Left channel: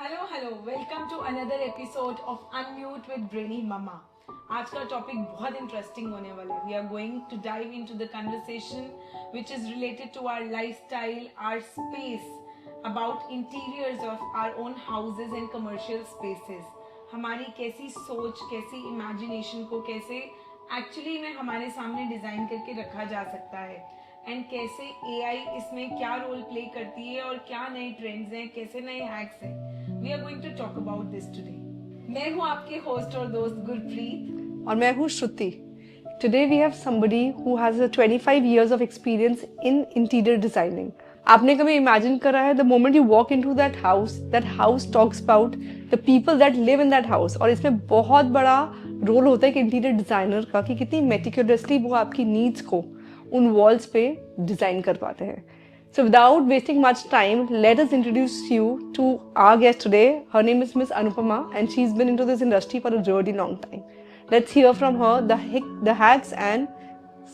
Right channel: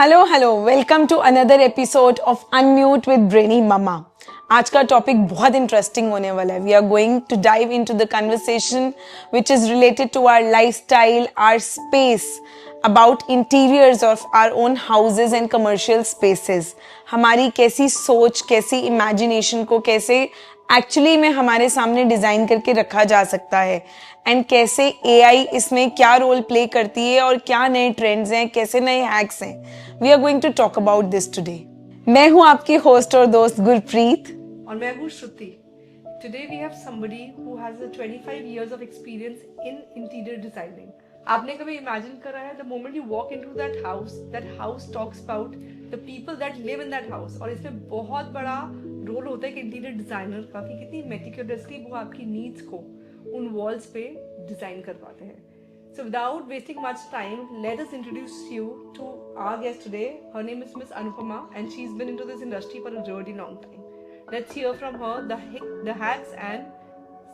Hello welcome to another episode of unmute with brainy mama. आज का topic बहुत interesting होने वाला है। We are going to dive into the conversation which is related to our lifestyle, our space, about interiors of our own houses and commercial spaces. हमारी कैसी सोच, कैसी इमेजिनेशन को कैसे एक्चुअली में हमारे सामने डिज़ाइन करके रखा जा सकता है, एंड कैसे एआई इसमें क्या रोल प्ले करती है और क्या नए ट्रेंड्स हैं, कैसे नए हैक्स हैं। We are going to talk about this today. मैं हूं आपकी होस्ट और दोस्त गुरप्रीत और मैं हूँ श्रुति। Today we have somebody who has a 25 years of experience in interior designing. आपने कभी imagine करा है the moment you walk into that house talks about the people that live in that house, और इसमें बहुत बड़ा रोल होता है कि इंटीरियर डिज़ाइनर का कि कितनी मेटिकुलसली वो आपकी नीड्स को उन वॉल्स पे डिज़ाइन कर पाते हैं। So without wasting much time, let us introduce you to our guest today. Her name is Miss Anupama and she's been into this industry for a really long time. Let's hear from her the hacks and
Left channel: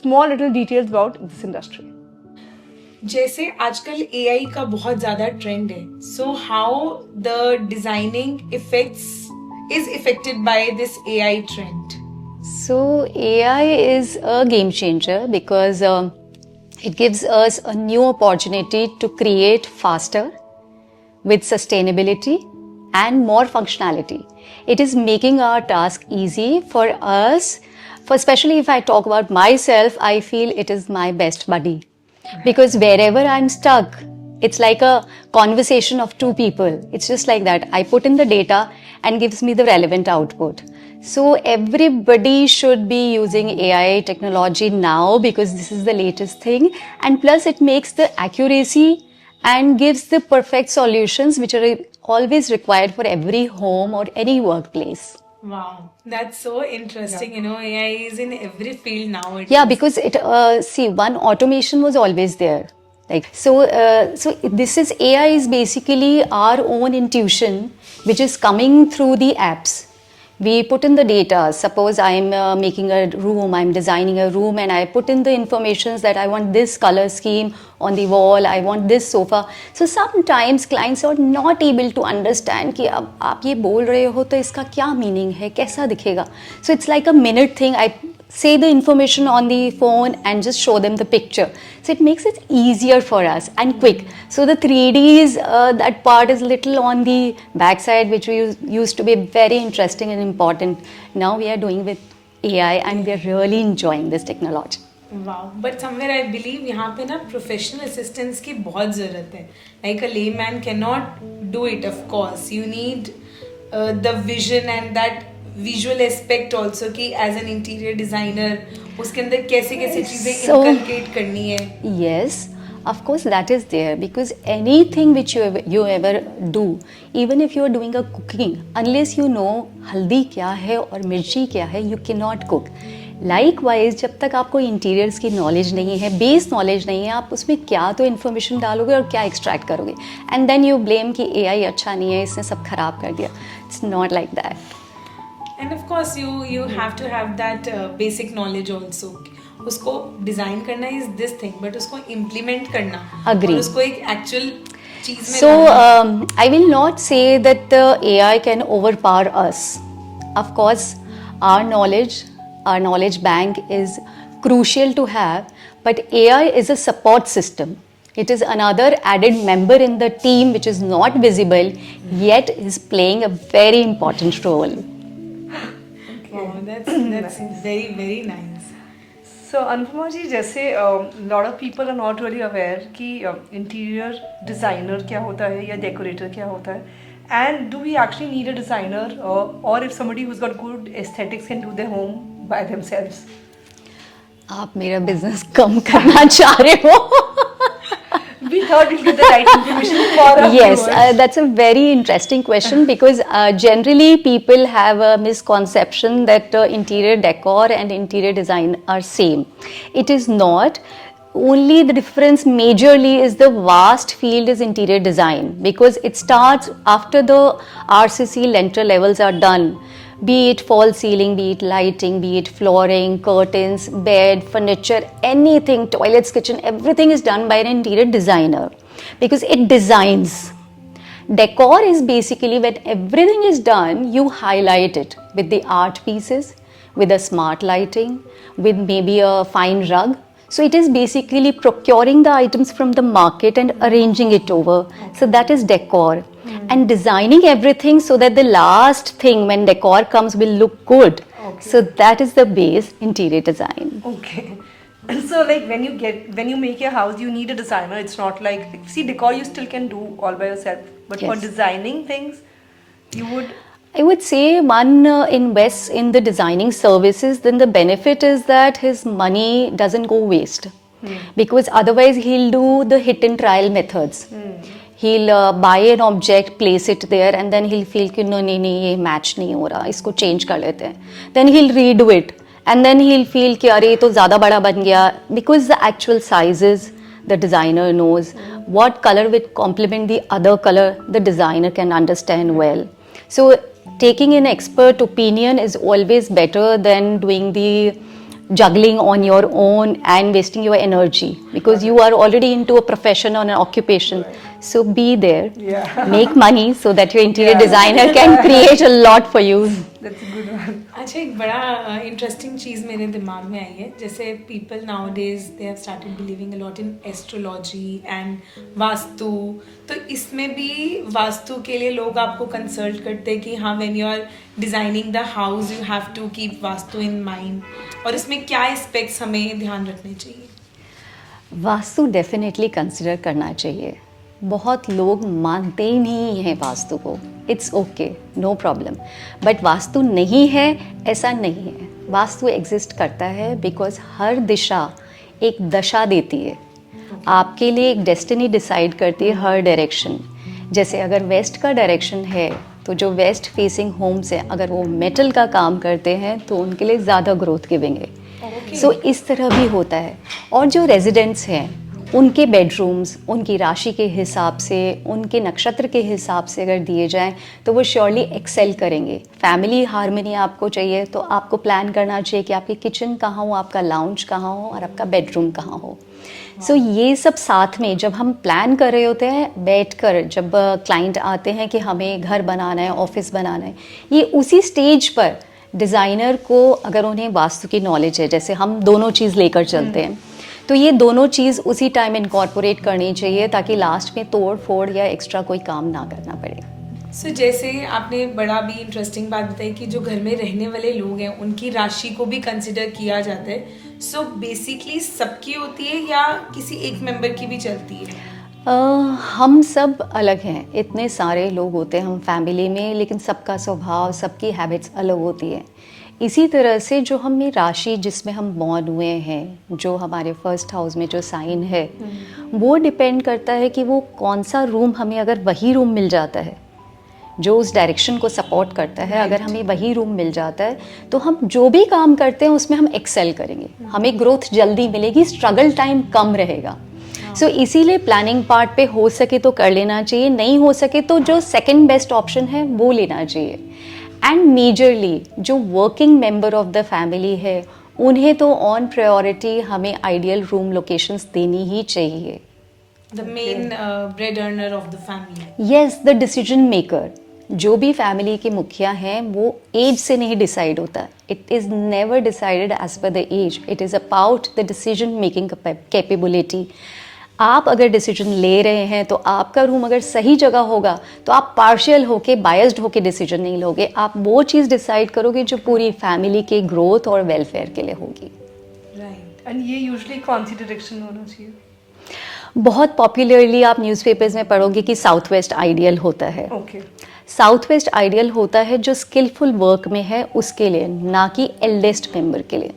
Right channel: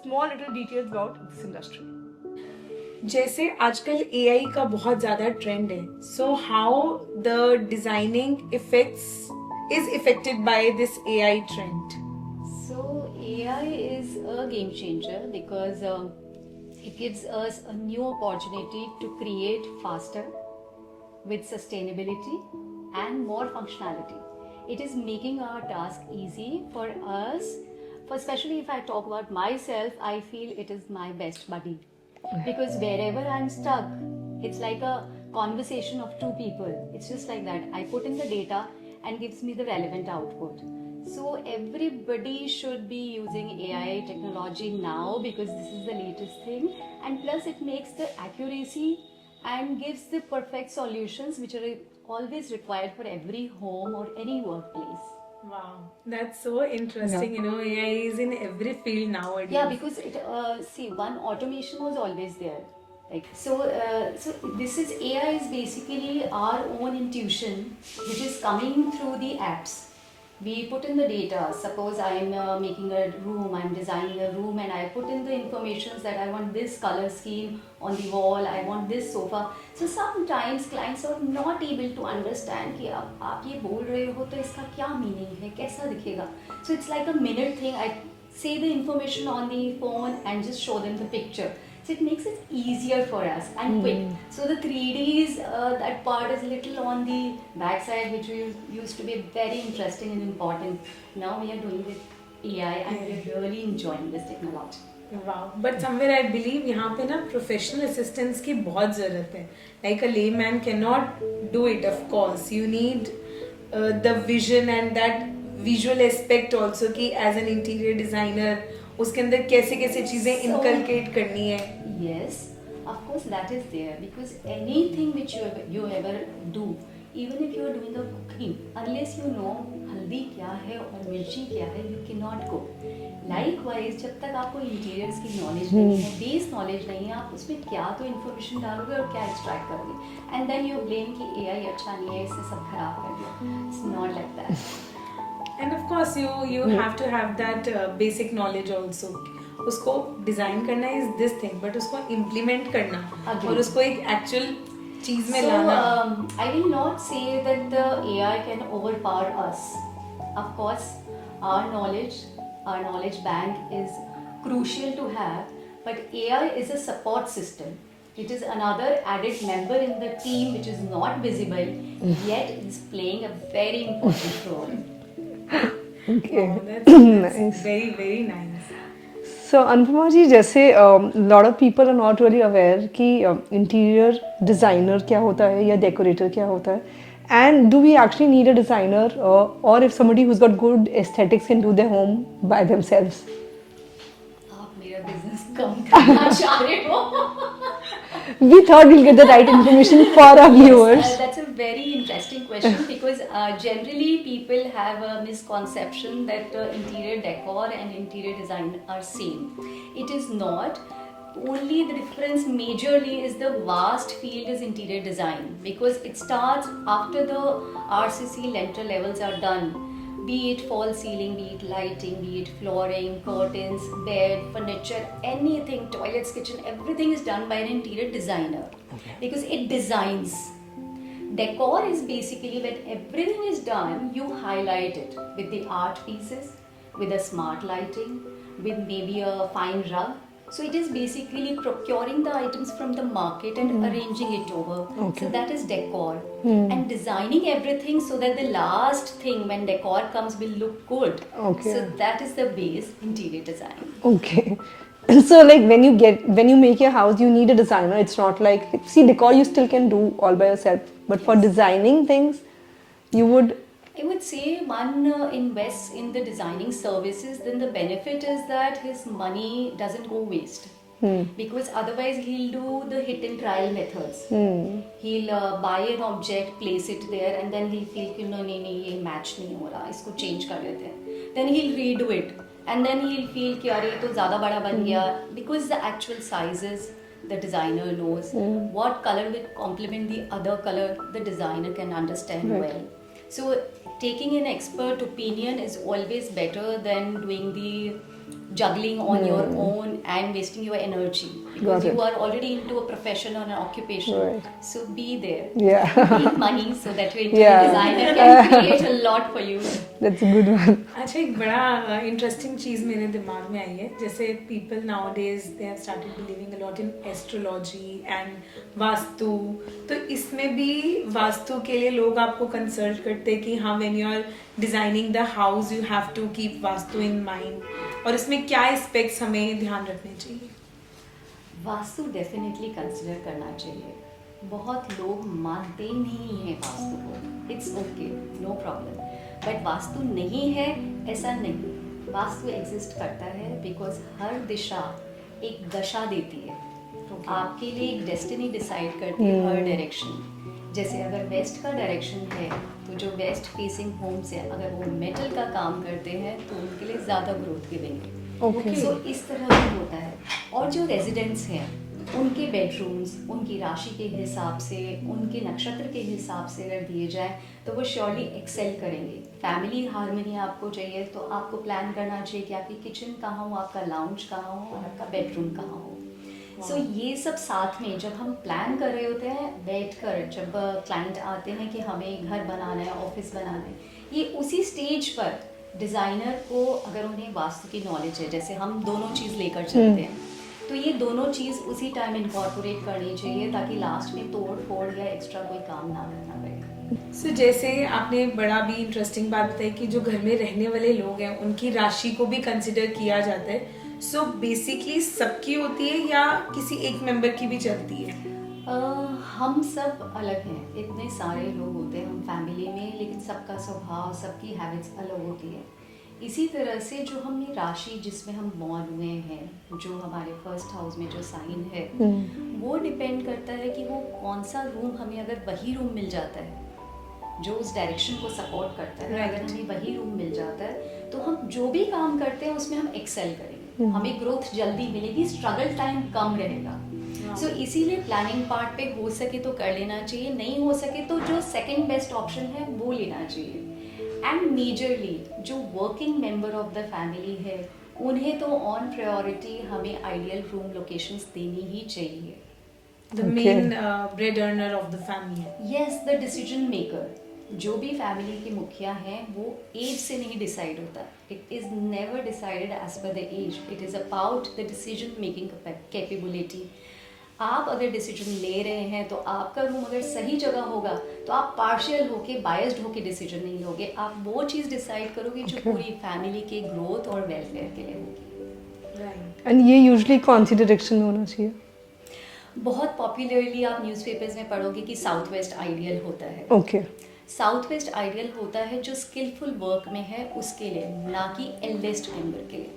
small little details about this industry. जैसे आजकल AI का बहुत ज़्यादा trend है, so how the designing effects is effected by this AI trend? So AI is a game changer because it gives us a new opportunity to create faster with sustainability and more functionality. It is making our task easy for us. For especially if I talk about myself, I feel it is my best buddy. Because wherever I'm stuck, it's like a conversation of two people. It's just like that. I put in the data and gives me the relevant output. So everybody should be using AI technology now because this is the latest thing. And plus it makes the accuracy and gives the perfect solutions which are always required for every home or any workplace. Wow, that's so interesting. You know, AI is in every field nowadays. Yeah, because it see, one automation was always there. Like so this is AI is basically our own intuition which is coming through the apps. We put in the data. Suppose I'm making a room, I'm designing a room, and I put in the informations that I want this color scheme on the wall, I want this sofa. So sometimes clients are not able to understand कि अब आप ये बोल रहे हो तो इसका क्या मीनिंग है, कैसा दिखेगा. So it's like a minute thing. I say the information on the phone and just show them the picture. So it makes it easier for us and quick. So the 3Ds, that part is little on the backside, which we used to be very interesting and important. Now we are doing with AI and we are really enjoying this technology. Wow, but somewhere I believe यहाँ पे ना professional assistance की बहुत ज़रूरत है. Like a layman cannot do it, of course. You need the vision and that visual aspect also कि as an interior designer उसके अंदर कैसे कैसे चीज़ें inculcate करनी है. Yes, of course that is there because anything which you ever do, even if you are doing a cooking, unless you know हल्दी क्या है और मिर्ची क्या है, you cannot cook. Likewise, जब तक आपको इंटीरियर्स की नॉलेज नहीं है, बेस नॉलेज नहीं है, आप उसमें क्या तो इन्फॉर्मेशन डालोगे और क्या एक्सट्रैक्ट करोगे, एंड देन यू ब्लेम कि एआई अच्छा नहीं है, इसने सब खराब कर दिया. It's not like that. And of course you have to have that basic knowledge also. उसको डिजाइन करना is this thing, but उसको implement करना Agree. और उसको एक actual चीज में So लाना. I will not say that the AI can overpower us. Of course, our knowledge bank is crucial to have, but AI is a support system. It is another added member in the team which is not visible yet is playing a very important role. Okay. Wow, that's very very nice. So Anupama जी, जैसे lot of people are not really aware कि interior designer क्या होता है या decorator क्या होता है, and do we actually need a designer or if somebody who's got good aesthetics can do their home by themselves? आप मेरा बिजनेस कम करना चाह रहे हो? We thought we'll get the right information for our Yes, viewers. that's a very interesting question because generally people have a misconception that interior decor and interior design are same. It is not. Only the difference majorly is the vast field is interior design because it starts after the RCC lintel levels are done. Be it false ceiling, be it lighting, be it flooring, curtains, bed, furniture, anything, toilets, kitchen, everything is done by an interior designer because it designs. Decor is basically when everything is done, you highlight it with the art pieces, with a smart lighting, with maybe a fine rug. So it is basically procuring the items from the market and arranging it over. So that is decor. And designing everything so that the last thing when decor comes will look good. So that is the base interior design. Okay. So like when you make your house, you need a designer. It's not like, see, decor you still can do all by yourself, but for Yes. designing things, you would. I would say one invests in the designing services, then the benefit is that his money doesn't go waste. Because otherwise he'll do the hit and trial methods. He'll buy an object, place it there, and then he'll feel कि नहीं ये match नहीं हो रहा, इसको change कर लेते हैं. Then he'll redo it, and then he'll feel कि अरे ये तो ज़्यादा बड़ा बन गया. Because the actual sizes, the designer knows what color will complement the other color. The designer can understand well. So taking an expert opinion is always better than doing the juggling on your own and wasting your energy, because you are already into a profession or an occupation. So be there, make money so that your interior designer can create a lot for you. That's a good one. अच्छा, एक बड़ा interesting चीज़ मेरे दिमाग में आई है. जैसे people now days they have started believing a lot in astrology and vastu. तो इसमें भी वास्तु के लिए लोग आपको कंसल्ट करते हैं कि हाँ, when you are designing the house you have to keep vastu in mind, और इसमें क्या एस्पेक्ट्स हमें ध्यान रखने चाहिए? वास्तु डेफिनेटली कंसिडर करना चाहिए. बहुत लोग मानते ही नहीं हैं वास्तु को. It's okay, no problem. But vastu नहीं है ऐसा नहीं है. वास्तु एग्जिस्ट करता है बिकॉज हर दिशा एक दशा देती है. आपके लिए एक डेस्टिनी डिसाइड करती है हर डायरेक्शन. जैसे अगर वेस्ट का डायरेक्शन है तो जो वेस्ट फेसिंग होम्स है, अगर वो मेटल का काम करते हैं तो उनके लिए ज़्यादा ग्रोथ गिविंग है. सो इस तरह भी होता है. और जो रेजिडेंट्स हैं उनके बेडरूम्स उनकी राशि के हिसाब से, उनके नक्षत्र के हिसाब से अगर दिए जाएं तो वो श्योरली एक्सेल करेंगे. फैमिली हार्मनी आपको चाहिए तो आपको प्लान करना चाहिए कि आपकी किचन कहाँ हो, आपका लाउंज कहाँ हो और आपका बेडरूम कहाँ हो. सो ये सब साथ में जब हम प्लान कर रहे होते हैं बैठकर, जब क्लाइंट आते हैं कि हमें घर बनाना है, ऑफिस बनाना है, ये उसी स्टेज पर डिज़ाइनर को अगर उन्हें वास्तु की नॉलेज है, जैसे हम दोनों चीज़ लेकर चलते हैं, तो ये दोनों चीज़ उसी टाइम इनकॉर्पोरेट करनी चाहिए ताकि लास्ट में तोड़ फोड़ या एक्स्ट्रा कोई काम ना करना पड़े. सो जैसे आपने बड़ा भी इंटरेस्टिंग बात बताई कि जो घर में रहने वाले लोग हैं उनकी राशि को भी कंसिडर किया जाता है. सो बेसिकली सबकी होती है या किसी एक मेंबर की भी चलती है? हम सब अलग हैं. इतने सारे लोग होते हैं हम फैमिली में, लेकिन सबका स्वभाव, सबकी हैबिट्स अलग होती है. इसी तरह से जो हमें राशि जिसमें हम बॉर्न हुए हैं, जो हमारे फर्स्ट हाउस में जो साइन है, वो डिपेंड करता है कि वो कौन सा रूम हमें, अगर वही रूम मिल जाता है जो उस डायरेक्शन को सपोर्ट करता है, अगर हमें वही रूम मिल जाता है तो हम जो भी काम करते हैं उसमें हम एक्सेल करेंगे. हमें ग्रोथ जल्दी मिलेगी, स्ट्रगल टाइम कम रहेगा. सो इसीलिए प्लानिंग पार्ट पे हो सके तो कर लेना चाहिए, नहीं हो सके तो जो सेकंड बेस्ट ऑप्शन है वो लेना चाहिए. एंड मेजरली जो working member of the family है उन्हें तो ऑन प्रायोरिटी हमें आइडियल रूम लोकेशंस देनी ही चाहिए. The main bread earner of the family. Yes, the decision maker. जो भी फैमिली के मुखिया हैं वो एज से नहीं डिसाइड होता. It is never decided as per the age. It is about the decision making capability. आप अगर डिसीजन ले रहे हैं तो आपका रूम अगर सही जगह होगा तो आप पार्शियल होके, बायस्ड होके डिसीजन नहीं लोगे. आप वो चीज़ डिसाइड करोगे जो पूरी फैमिली के ग्रोथ और वेलफेयर के लिए होगी. राइट. एंड ये यूजुअली कौन सी डायरेक्शन होना चाहिए? बहुत पॉपुलरली आप न्यूज़पेपर्स में पढ़ोगे कि साउथ वेस्ट आइडियल होता है. ओके. साउथ वेस्ट आइडियल होता है जो स्किलफुल वर्क में है उसके लिए, ना कि एल्डेस्ट मेंबर के लिए.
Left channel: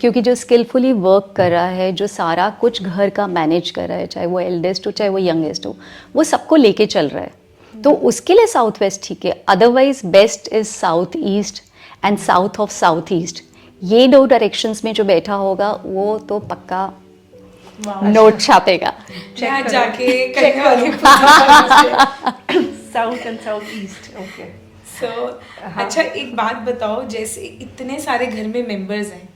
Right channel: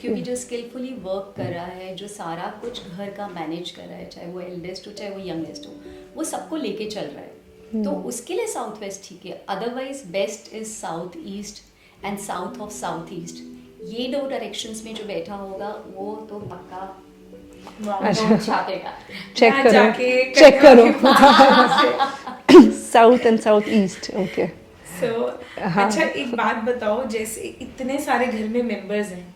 क्योंकि जो स्किलफुली वर्क कर रहा है, जो सारा कुछ घर का मैनेज कर रहा है, चाहे वो एल्डेस्ट हो चाहे वो यंगेस्ट हो, वो सबको लेके चल रहा है, तो उसके लिए साउथ वेस्ट ठीक है. Otherwise best is south east and south of south east. ये दो डायरेक्शंस में जो बैठा होगा वो तो पक्का नोट छापेगा. चेक करो. South and south east. Okay. So अच्छा, एक बात बताओ, जैसे इतने सारे घर में मेंबर्स हैं,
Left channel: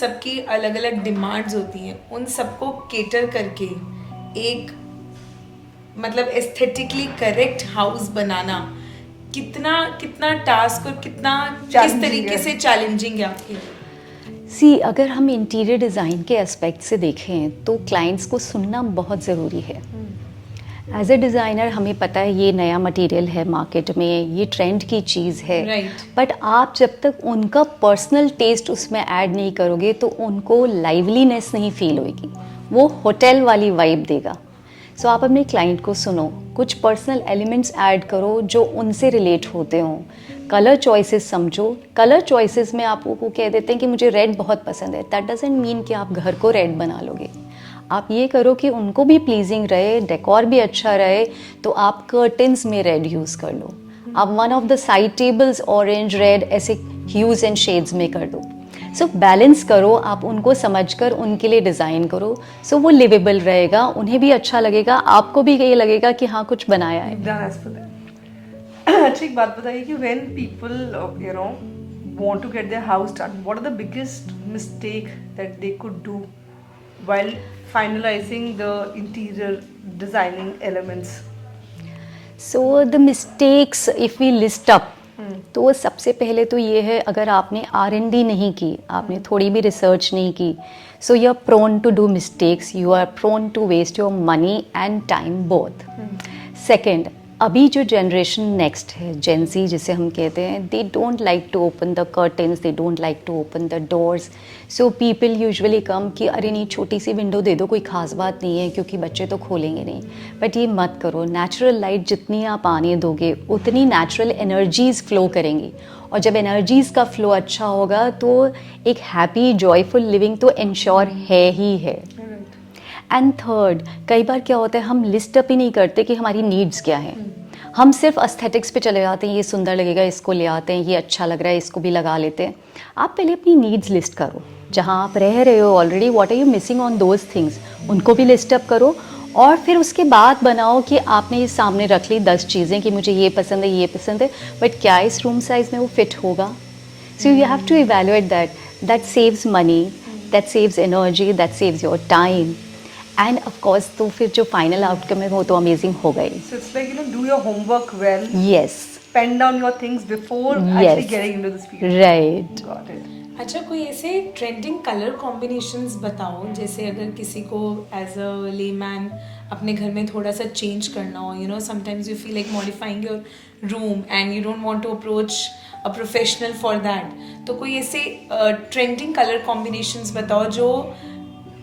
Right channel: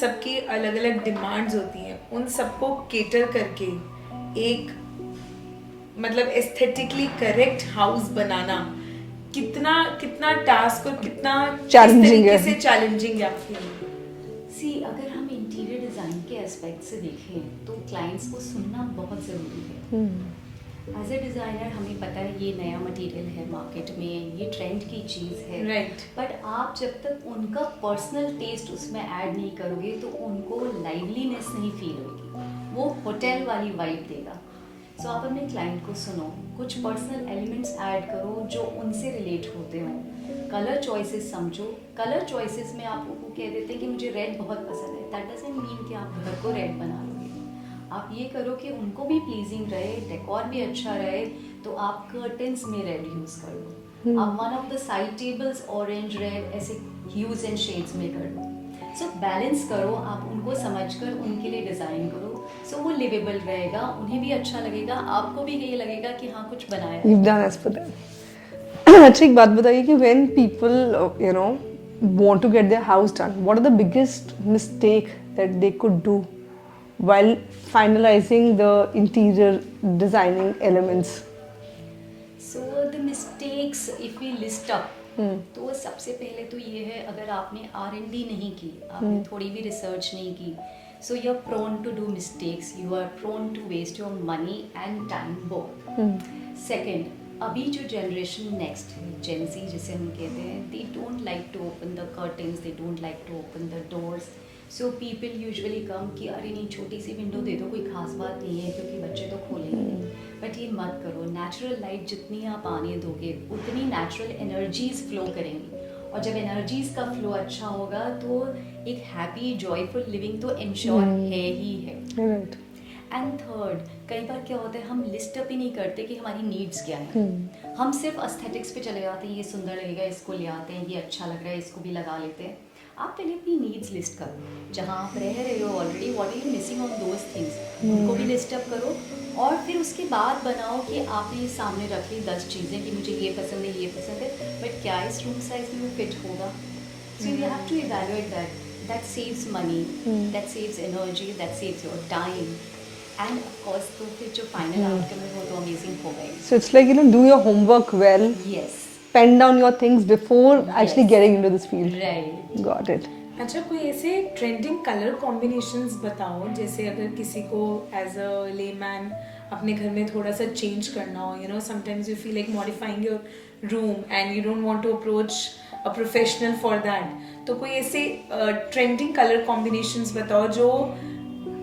सबकी अलग अलग डिमांड्स होती हैं, उन सबको केटर करके एक मतलब एस्थेटिकली करेक्ट हाउस बनाना कितना कितना टास्क और कितना किस Challenging तरीके है। से चैलेंजिंग है आपके लिए? सी अगर हम इंटीरियर डिज़ाइन के एस्पेक्ट से देखें तो क्लाइंट्स को सुनना बहुत ज़रूरी है। एज ए डिज़ाइनर हमें पता है ये नया मटेरियल है मार्केट में, ये ट्रेंड की चीज़ है, Right. बट आप जब तक उनका पर्सनल टेस्ट उसमें ऐड नहीं करोगे तो उनको लाइवलीनेस नहीं फील होगी, वो होटल वाली वाइब देगा। सो आप अपने क्लाइंट को सुनो, कुछ पर्सनल एलिमेंट्स ऐड करो जो उनसे रिलेट होते हों, कलर चॉइसेस समझो। कलर चॉइसेस में आप वो कह देते हैं कि मुझे रेड बहुत पसंद है, दैट डजंट मीन कि आप घर को रेड बना लोगे। आप ये करो कि उनको भी प्लीजिंग रहे, डेकोर भी अच्छा रहे, तो आप कर्टन्स में रेड यूज़ कर लो। आप one of the side tables orange red ऐसे ह्यूज एंड शेड्स में कर दो। सो बैलेंस करो, आप उनको समझकर उनके लिए डिज़ाइन करो, सो वो लिवेबल रहेगा, उन्हें भी अच्छा लगेगा, आपको भी ये लगेगा कि हाँ कुछ बनाया है। You've done as per that. अच्छा एक बात बताइए कि when people want to get their house done, what are the biggest mistake that they could do while finalizing the interior designing elements? So the mistakes if we list up, तो सबसे पहले तो ये है, अगर आपने R&D नहीं की, आपने थोड़ी भी रिसर्च नहीं की, so you are prone to do mistakes, you are prone to waste your money and time both. Second, अभी जो जनरेशन नेक्स्ट है, जेन ज़ी जिसे हम कहते हैं, they don't like to open the curtains, they don't like to open the doors. So people usually come कि अरे नहीं छोटी सी विंडो दे दो, कोई ख़ास बात नहीं है क्योंकि बच्चे तो खोलेंगे नहीं। बट ये मत करो, नेचुरल लाइट जितनी आप आने दोगे उतनी नेचुरल एनर्जीज़ फ्लो करेंगी, और जब एनर्जीज़ का फ्लो अच्छा होगा तो एक हैप्पी जॉयफुल लिविंग तो इंश्योर है ही है। Right. एंड थर्ड, कई बार क्या होता है हम लिस्ट अप ही नहीं करते कि हमारी नीड्स क्या हैं, हम सिर्फ एस्थेटिक्स पे चले जाते हैं, ये सुंदर लगेगा इसको ले आते हैं, ये अच्छा लग रहा है इसको भी लगा लेते हैं। आप पहले अपनी नीड्स लिस्ट करो, जहाँ आप रह रहे हो already, what are you missing on those things, उनको भी लिस्ट अप करो, और फिर उसके बाद बनाओ कि आपने ये सामने रख ली 10 चीज़ें कि मुझे ये पसंद है, ये पसंद है, बट क्या इस रूम साइज में वो फिट होगा। So you have to evaluate that saves money, that saves energy, that saves your time, and of course तो फिर जो फाइनल आउटकम है वो तो अमेजिंग होगा ही। So it's like do your homework well. Yes, Pen down your things before actually Yes. getting into this field. Right. Got it. अच्छा, कोई ऐसे ट्रेंडिंग कलर कॉम्बिनेशंस बताओ, जैसे अगर किसी को एज अ लेमैन अपने घर में थोड़ा सा चेंज करना हो, you know sometimes you feel like modifying your room and you don't want to approach a professional for that, तो कोई ऐसे ट्रेंडिंग कलर कॉम्बिनेशंस बताओ जो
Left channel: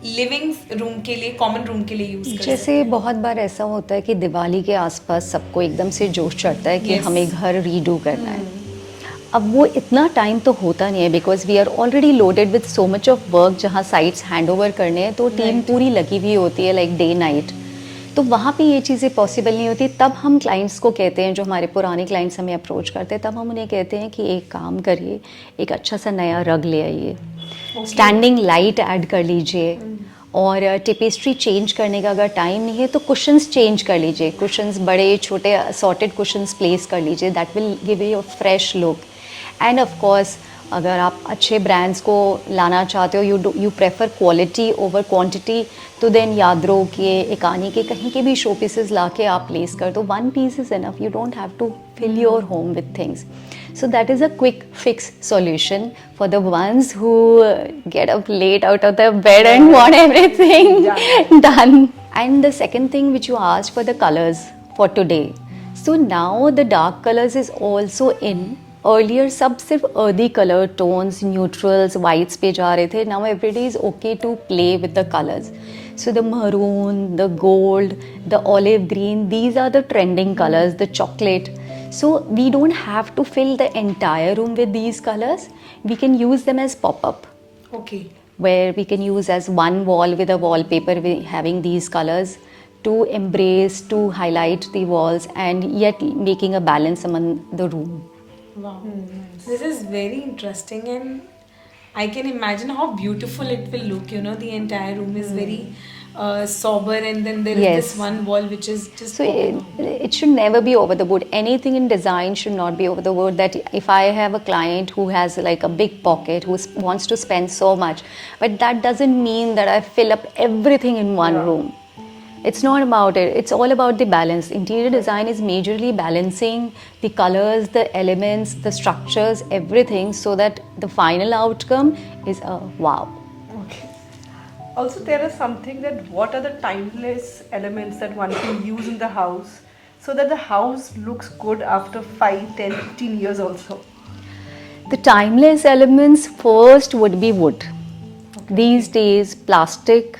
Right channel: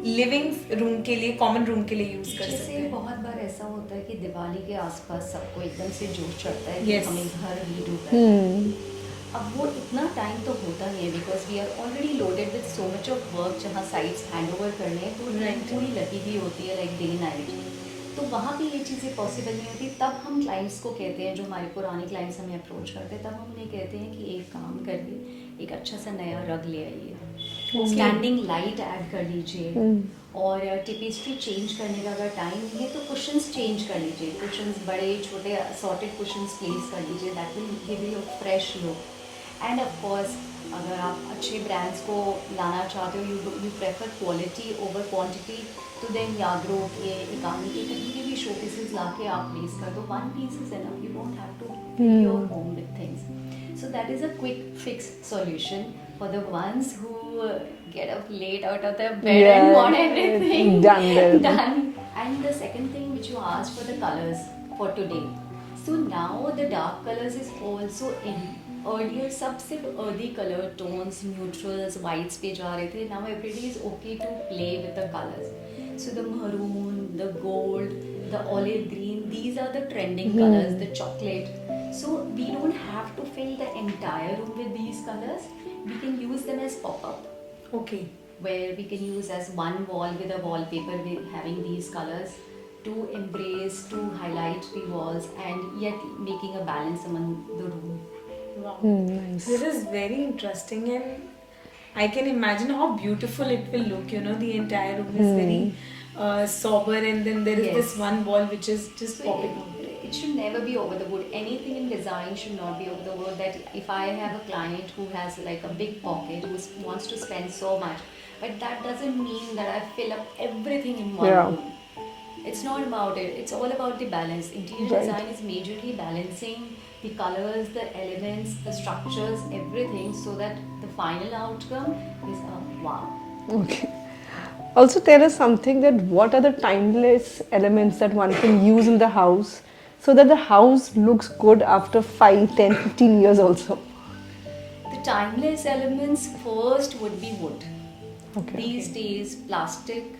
लिविंग रूम के लिए, कॉमन रूम के लिए यूज कर जैसे बहुत बार ऐसा होता है कि दिवाली के आसपास सबको एकदम से जोश चढ़ता है कि Yes. हमें घर रीडू करना है। अब वो इतना टाइम तो होता नहीं है, because we are already loaded with so much of work, जहाँ साइट्स हैंड ओवर करने हैं तो टीम Right. पूरी लगी हुई होती है लाइक डे नाइट, तो वहाँ पे ये चीज़ें पॉसिबल नहीं होती। तब हम क्लाइंट्स को कहते हैं, जो हमारे पुराने क्लाइंट्स हमें अप्रोच करते हैं, तब हम उन्हें कहते हैं कि एक काम करिए, एक अच्छा सा नया रग ले आइए, स्टैंडिंग लाइट ऐड कर लीजिए, और टेपेस्ट्री चेंज करने का अगर टाइम नहीं है तो कुशंस चेंज कर लीजिए, कुशंस बड़े छोटे असॉर्टेड कुशंस प्लेस कर लीजिए, that will give you a fresh look. And of course अगर आप अच्छे ब्रांड्स को लाना चाहते हो, you prefer quality over quantity, तो देन याद रहो कि एकानी के कहीं के भी शो पीसेस ला के आप प्लेस कर दो, one piece is enough, you don't have to fill your home with things. So that is a quick fix solution for the ones who get up late out of their bed and want everything done. And the second thing which you asked for the colors for today. So now the dark colors is also in. Earlier सब सिर्फ earthy color tones, neutrals, whites पे जा रहे थे. Now everybody is okay to play with the colors. So the maroon, the gold, the olive green, these are the trending colors, the chocolate. So we don't have to fill the entire room with these colors. We can use them as pop-up, okay. where we can use as one wall with a wallpaper having these colors to embrace, to highlight the walls, and yet making a balance among the room. Wow. This is very interesting, and I can imagine how beautiful it will look. You know, the entire room is very sober, and then there is Yes. this one wall which is just. So it should never be over the board. Anything in design should not be over the board. That if I have a client who has like a big pocket, who wants to spend so much, but that doesn't mean that I fill up everything in one Yeah. room. It's not about it. It's all about the balance. Interior design is majorly balancing the colors, the elements, the structures, everything, so that the final outcome is a wow. Okay. Also, tell us something that what are the timeless elements that one can use in the house so that the house looks good after 5, 10, 15 years also? The timeless elements first would be wood. These days, plastic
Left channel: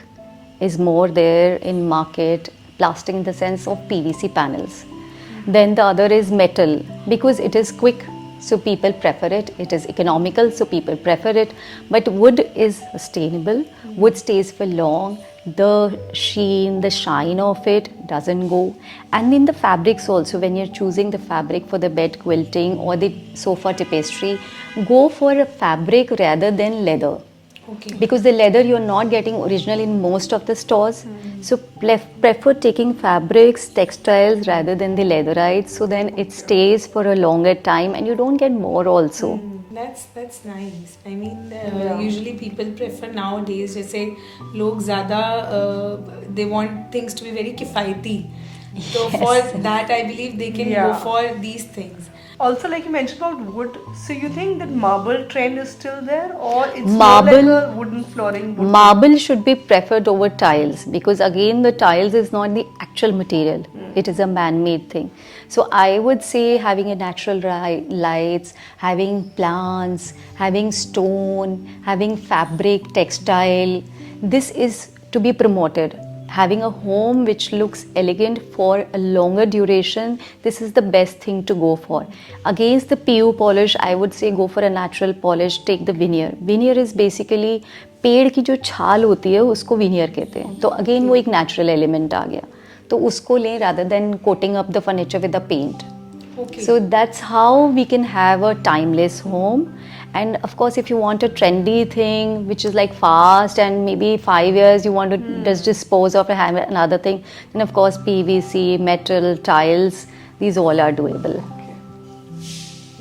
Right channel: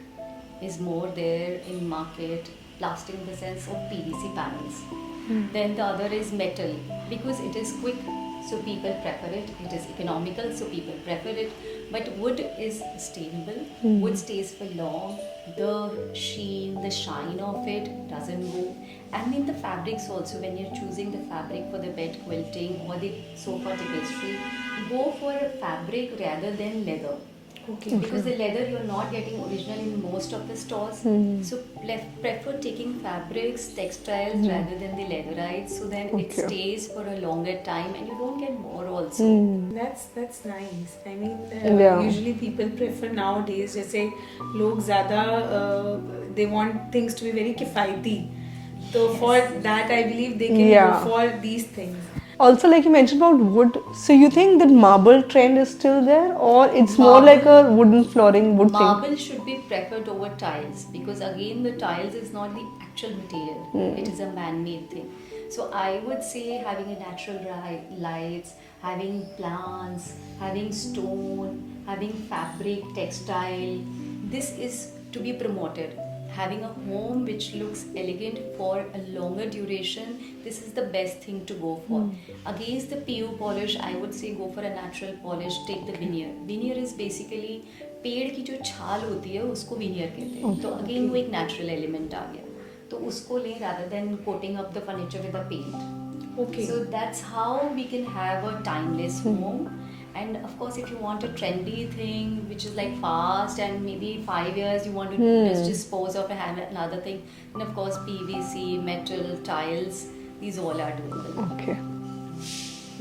is more there in market, plastic in the sense of PVC panels. Then the other is metal because it is quick, so people prefer it. It is economical, so people prefer it. But wood is sustainable, wood stays for long, the sheen, the shine of it doesn't go. And in the fabrics also, when you're choosing the fabric for the bed quilting or the sofa tapestry, go for a fabric rather than leather. Okay. Because the leather you're not getting original in most of the stores, so prefer taking fabrics, textiles rather than the leatherites, so then it stays for a longer time and you don't get more also. That's nice. I mean, Yeah. usually people prefer nowadays, जैसे लोग ज़्यादा they want things to be very किफ़ायती. So for that, I believe they can Yeah. go for these things. Also, like you mentioned about wood, so you think that marble trend is still there, or it's Marble- more like a wooden flooring? Wood Marble should be preferred over tiles because again the tiles is not the actual material, it is a man-made thing. So I would say having a natural lights, having plants, having stone, having fabric, textile, this is to be promoted. Having a home which looks elegant for a longer duration, this is the best thing to go for. Against the PU polish, I would say go for a natural polish, take the veneer. Veneer is basically पेड़ की जो छाल होती है उसको veneer कहते हैं. तो again वो एक natural element आ गया. तो उसको लें rather than coating up the furniture with the paint. Okay. So that's how we can have a timeless home. And of course, if you want a trendy thing which is like fast and maybe 5 years you want to just dispose of and have another thing, then of course PVC, metal, tiles, these all are doable. Okay.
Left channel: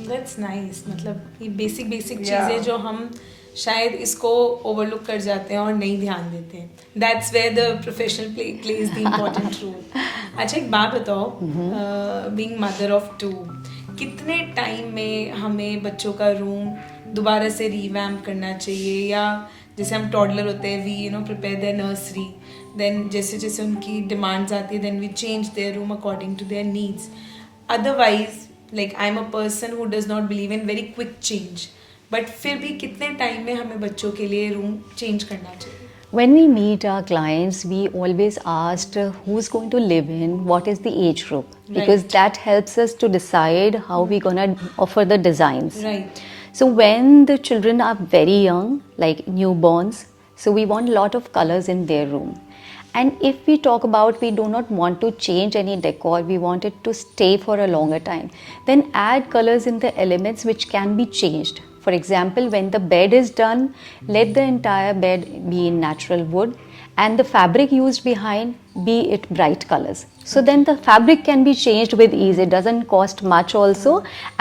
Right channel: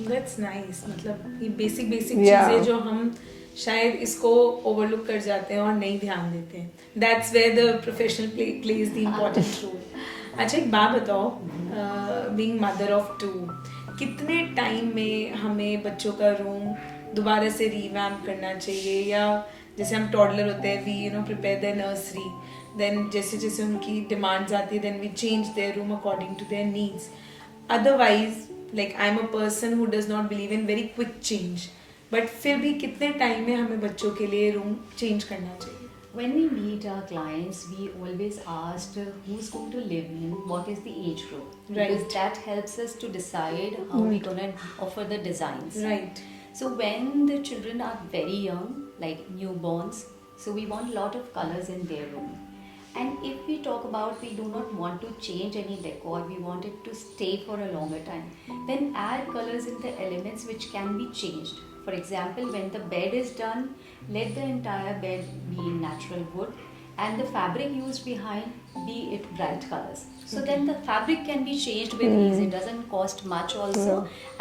That's nice. मतलब ये basic Yeah. चीजें जो हम शायद इसको overlook कर जाते हैं और नहीं ध्यान देते हैं. That's where the professional plays the important role. अच्छा एक बात बताओ, being mother of two, कितने टाइम में हमें बच्चों का रूम दोबारा से रिवैम्प करना चाहिए, या जैसे हम टॉडलर होते हैं we prepare their nursery, then जैसे जैसे उनकी डिमांड्स आती है then we change their room according to their needs. Otherwise like I am a person who does not believe in very quick change, but फिर भी कितने टाइम में हमें बच्चों के लिए रूम चेंज करना चाहिए? When we meet our clients, we always ask who's going to live in, what is the age group, because Right. that helps us to decide how we're gonna offer the designs. Right. So when the children are very young, like newborns, so we want a lot of colors in their room. And if we talk about we do not want to change any decor, we want it to stay for a longer time, then add colors in the elements which can be changed. For example, when the bed is done, let the entire bed be in natural wood and the fabric used behind be it bright colors. So then the fabric can be changed with ease. It doesn't cost much also,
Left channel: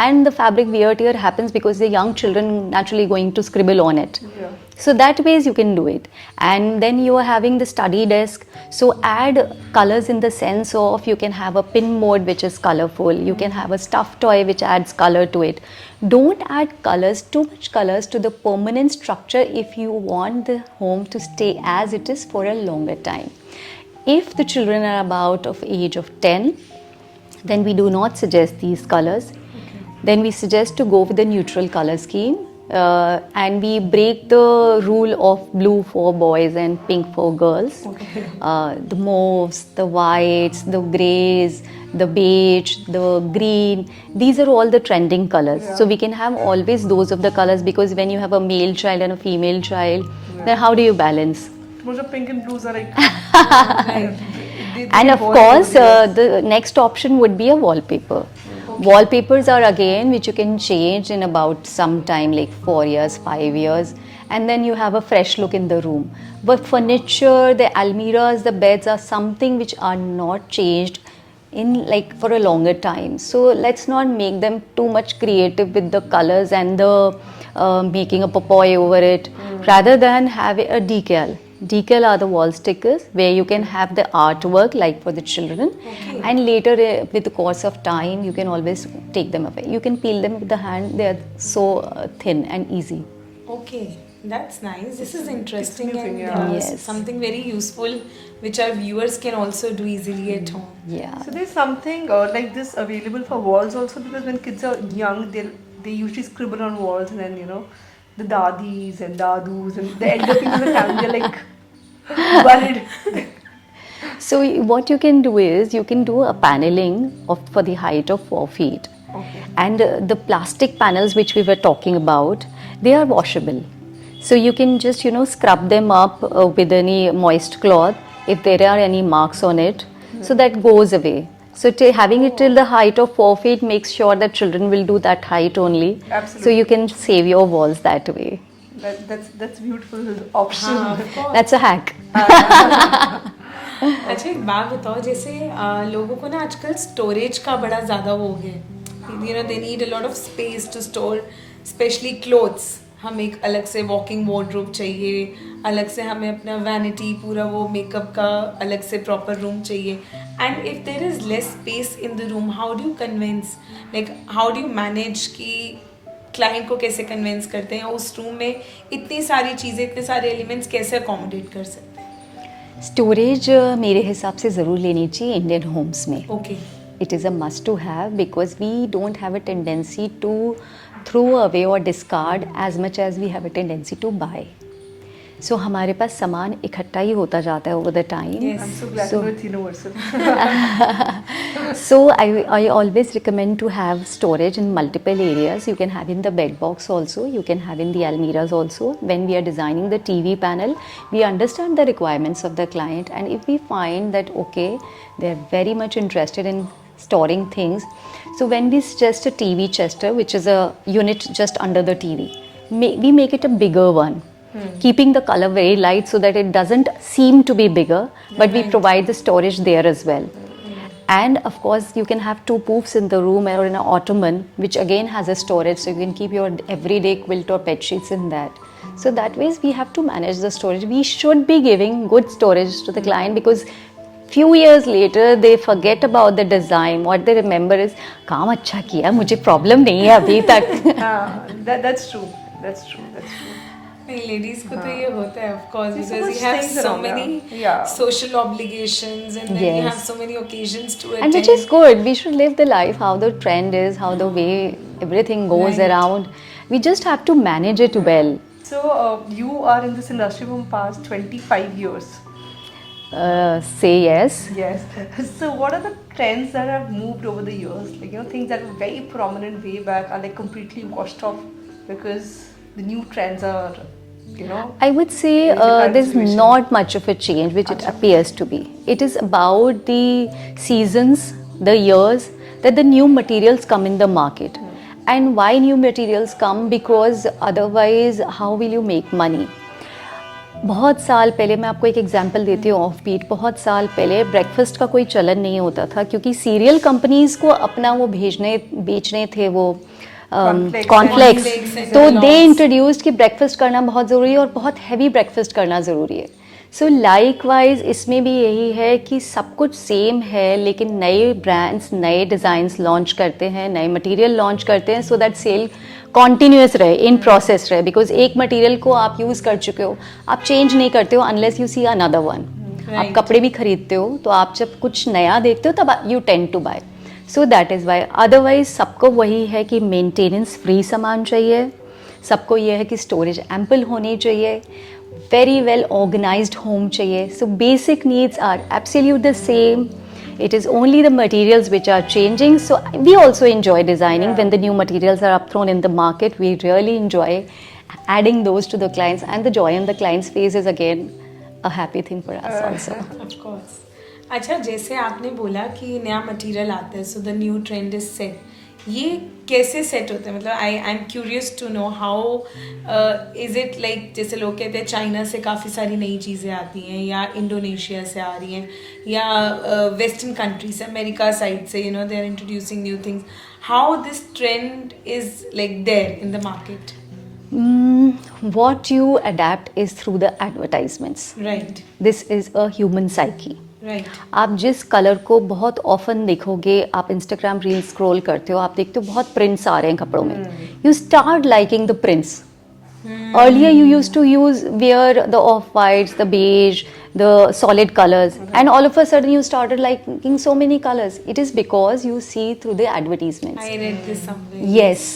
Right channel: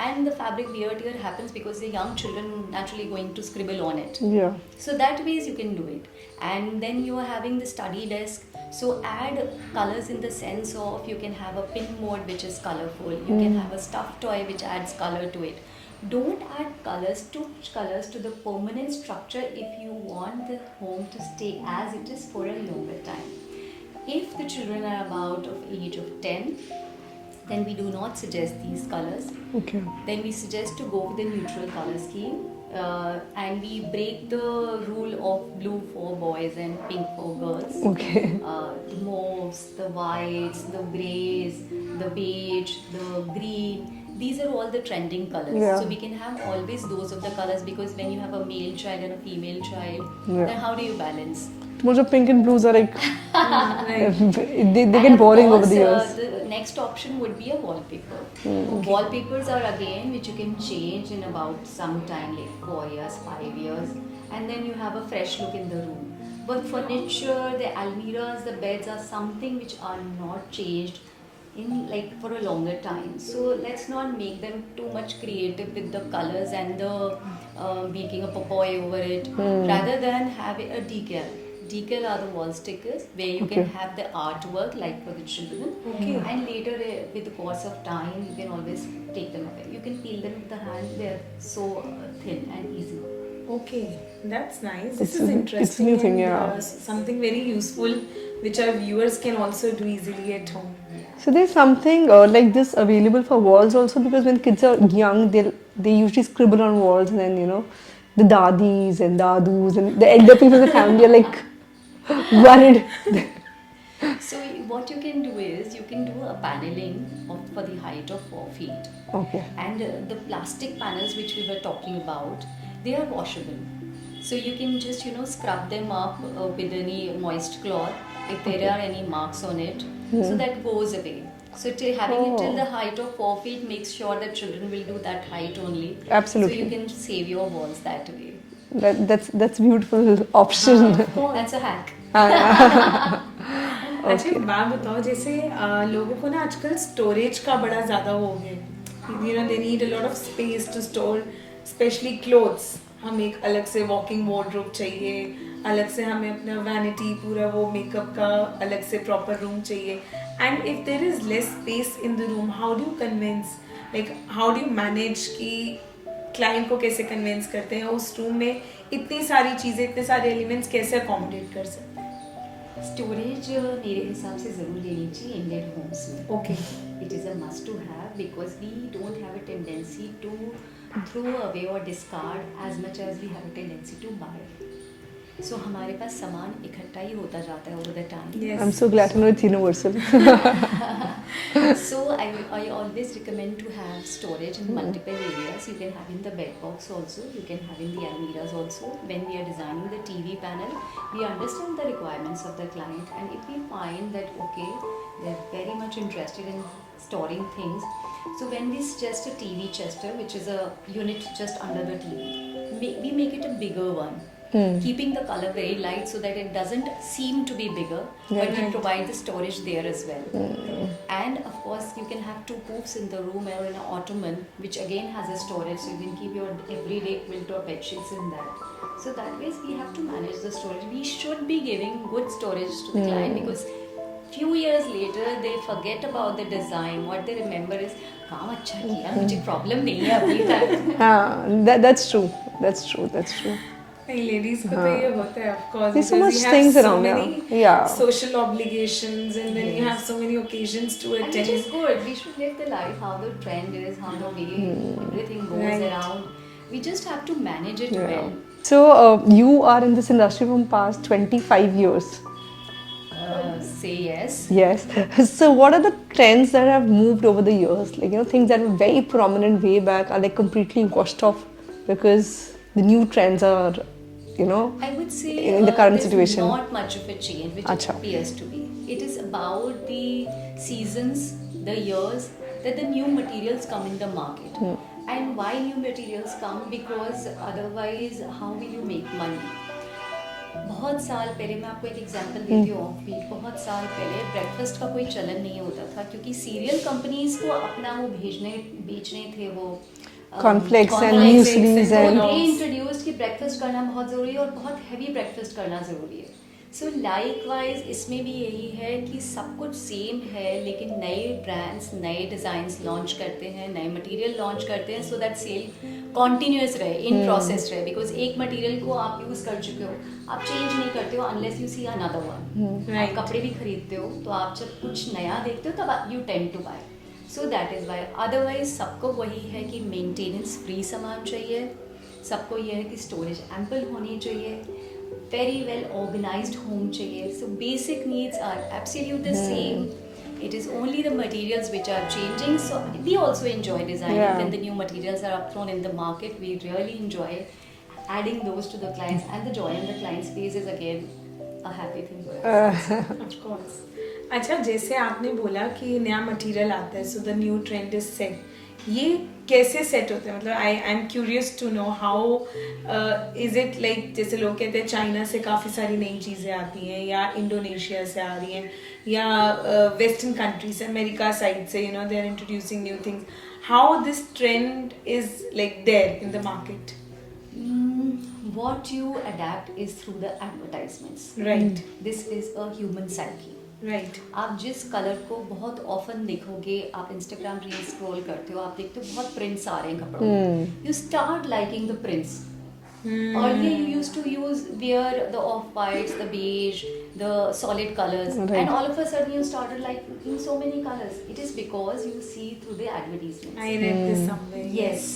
and the fabric wear tear happens because the young children naturally going to scribble on it. Yeah. So that ways you can do it. And then you are having the study desk. So add colors in the sense of you can have a pin mode which is colorful. You can have a stuffed toy which adds color to it. Don't add colors, too much colors to the permanent structure if you want the home to stay as it is for a longer time. If the children are about of age of 10, then we do not suggest these colors. Okay. Then we suggest to go with the neutral color scheme, and we break the rule of blue for boys and pink for girls. Okay. The mauves, the whites, the greys, the beige, the green, these are all the trending colors. Yeah. So we can have always those of the colors, because when you have a male child and a female child, then how do you balance? मुझे pink and blues are like And of course, the next option would be a wallpaper. Wallpapers are again which you can change in about some time, like 4 years, 5 years, and then you have a fresh look in the room. But furniture, the almiras, the beds are something which are not changed in like for a longer time. So let's not make them too much creative with the colors and the making a papoy over it, rather than have a decal. Decal are the wall stickers where you can have the artwork like for the children, and later with the course of time you can always take them away. You can peel them with the hand, they are so thin and easy. Okay, that's nice. This is new interesting thing, and yeah. Yes. something very useful which our viewers can also do easily at home. Yeah. So there's something like this available for walls also, because when kids are young, they usually scribble on walls, and then the dadis and dadus and the elder people in the family are like worried. So what you can do is you can do a paneling for the height of 4 feet. Okay. And the plastic panels which we were talking about, they are washable. So you can just scrub them up with any moist cloth if there are any marks on it. So that goes away. So having it till the height of 4 feet makes sure that children will do that height only. Absolutely. So you can save your walls that way. That's beautiful option. That's a hack. अच्छा एक बात बताओ, जैसे लोगों को ना आजकल storage का बड़ा ज़्यादा हो गया, they need a lot of space to store especially clothes. हम एक अलग से वॉकिंग वार्डरोब चाहिए, अलग से हमें अपना वैनिटी पूरा वो मेकअप का अलग से प्रॉपर रूम चाहिए. And if there is less space in the room, how do you convince, like how do you manage कि क्लाइंट को कैसे कन्विंस करते हैं उस रूम में इतनी सारी चीज़ें, इतने सारे एलिमेंट्स कैसे अकोमोडेट कर सकते हैं? स्टोरेज मेरे हिसाब से ज़रूर लेनी चाहिए इंडियन होम्स में. Okay. It is a must to have because we don't have a tendency to throw away or discard as much as we have a tendency to buy. So हमारे पास सामान इकट्ठा ही होता जाता है over the time. Yes. I'm so glad to know it's universal. So I always recommend to have storage in multiple areas. You can have in the bed box also. You can have in the almiras also. When we are designing the TV panel, we understand the requirements of the client, and if we find that okay, they are very much interested in storing things, so when we suggest a TV chester, which is a unit just under the TV, we make it a bigger one. Keeping the color very light so that it doesn't seem to be bigger, but we provide the storage there as well. And of course you can have 2 poofs in the room or in an ottoman, which again has a storage, so you can keep your everyday quilt or bed sheets in that. So that ways we have to manage the storage. We should be giving good storage to the client, because few years later they forget about the design. What they remember is काम अच्छा किया, मुझे problem नहीं है अभी तक. That's true. That's true. नहीं, ladies को तो ये होता है of course, There's so because much you have things so around, many yeah. social obligations, and then you Yes. have so many occasions to attend. And which is good. We should live the life how the trend is, how the way everything goes Right. around. We just have to manage it well. So you are in this industry from past 25 years. Say yes. Yes. So what are the trends that have moved over the years? Like things that were very prominent way back are like completely washed off because the new trends are, I would say in the current there's situation. not much of a change, which it appears to be. It is about the seasons, the years that the new materials come in the market. And why new materials come? Because otherwise, how will you make money? बहुत साल पहले, मैं आपको एक example देती हूँ off beat. बहुत साल पहले ब्रेकफास्ट का कोई चलन नहीं होता था, क्योंकि सीरियल कंपनीज को अपना वो बेचने थे वो कॉर्नफ्लेक्स. तो दे इंट्रोड्यूस्ड कि ब्रेकफास्ट करना बहुत ज़रूरी है और बहुत हैवी ब्रेकफास्ट करना ज़रूरी है. सो लाइकवाइज इसमें भी यही है कि सब कुछ सेम है, लेकिन नए ब्रांड्स नए डिज़ाइंस लॉन्च करते हैं, नए मटेरियल लॉन्च करते हैं, सो दैट सेल कॉन्टीन्यूस रहे, इन प्रोसेस रहे. बिकॉज एक मटेरियल को आप यूज़ कर चुके हो, आप चेंज नहीं करते हो unless you see another one. आप कपड़े भी खरीदते हो तो आप जब कुछ नया देखते हो तब you tend to buy. So that is why. Otherwise सबको वही है कि मेंटेनेंस फ्री सामान चाहिए, सबको ये है कि स्टोरेज एम्पल होनी चाहिए, very well organized home चाहिए. So basic needs are absolute the same. It is only the materials which are changing. So we also enjoy designing. When the new materials are up thrown in the market, we really enjoy adding those to the clients, and the joy on the client's face is again a happy thing for us also. Of course. अच्छा, जैसे आपने बोला कि नया material आता है, so the new trend is set. ये कैसे सेट होता है? मतलब I am curious to know how is it like, जैसे लोग कहते हैं चाइना से काफ़ी सारी नई चीज़ें आती हैं, या इंडोनेशिया से आ रही हैं, या वेस्टर्न कंट्रीज से, अमेरिका साइड से, they are introducing new things. How this trend is like there in the market? What you adapt is through the advertisements. Right. This is a human psyche. Right. आप जिस colour को बहुत often देखोगे, आप Instagram reel scroll करते हो, आप देखते हो बहुत प्रिंट्स आ रहे हैं कपड़ों में, you start liking the prints. Earlier you used to wear the off-whites, the beige, the solid colors, and all of a sudden you started liking so many colors. It is because you see through the advertisements. I read this somewhere. Yes.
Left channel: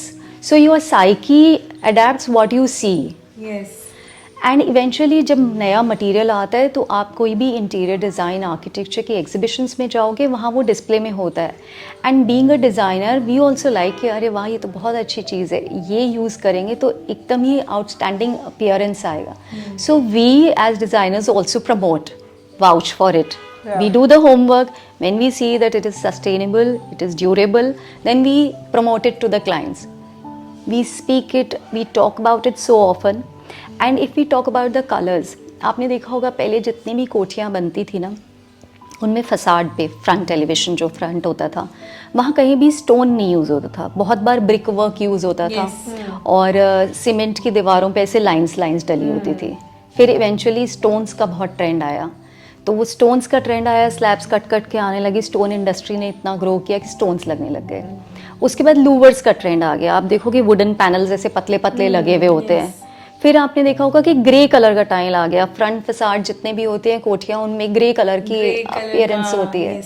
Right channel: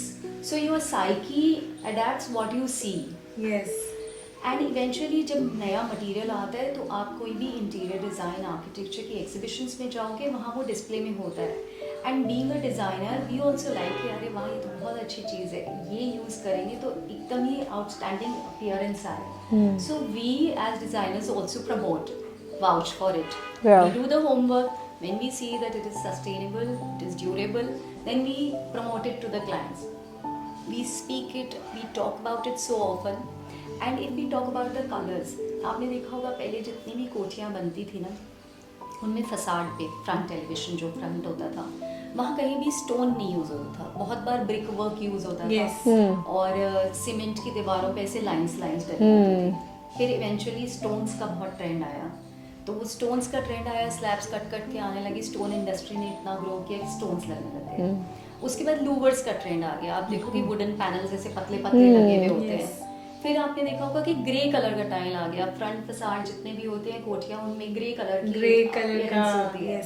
So your psyche adapts what you see. Yes. And eventually जब नया material आता है तो आप कोई भी interior design architecture की exhibitions में जाओगे, वहाँ वो डिस्प्ले में होता है. And being a designer we also like कि अरे वाह ये तो बहुत अच्छी चीज़ है, ये यूज़ करेंगे तो एकदम ही आउटस्टैंडिंग अपीयरेंस आएगा. So we as designers also promote, vouch for it. Yeah. We do the homework. When we see that it is sustainable, it is durable, then we promote it to the clients. We speak it, we talk about it so often. And if we talk about the colors, आपने देखा होगा पहले जितनी भी कोठियाँ बनती थी ना, उनमें फसाड पे फ्रंट एलिवेशन जो फ्रंट होता था, वहाँ कहीं भी स्टोन नहीं यूज़ होता था. बहुत बार ब्रिक वर्क यूज़ होता था. और सीमेंट की दीवारों पे ऐसे लाइंस डली होती थी. फिर इवेंचुअली स्टोन्स का बहुत ट्रेंड आया, तो वो स्टोन्स का ट्रेंड आया, स्लैब्स कट के आने लगी. स्टोन इंडस्ट्री ने इतना ग्रो किया कि स्टोन्स लगने लग गए. उसके बाद लूवर्स का ट्रेंड आ गया. आप देखोगे वुडन पैनल्स ऐसे पतले पतले लगे हुए होते हैं. फिर आपने देखा होगा कि ग्रे कलर का टाइल आ गया. फ्रंट फसाड जितने भी होते हैं कोठियाँ, उनमें ग्रे कलर की अपीयरेंस होती है.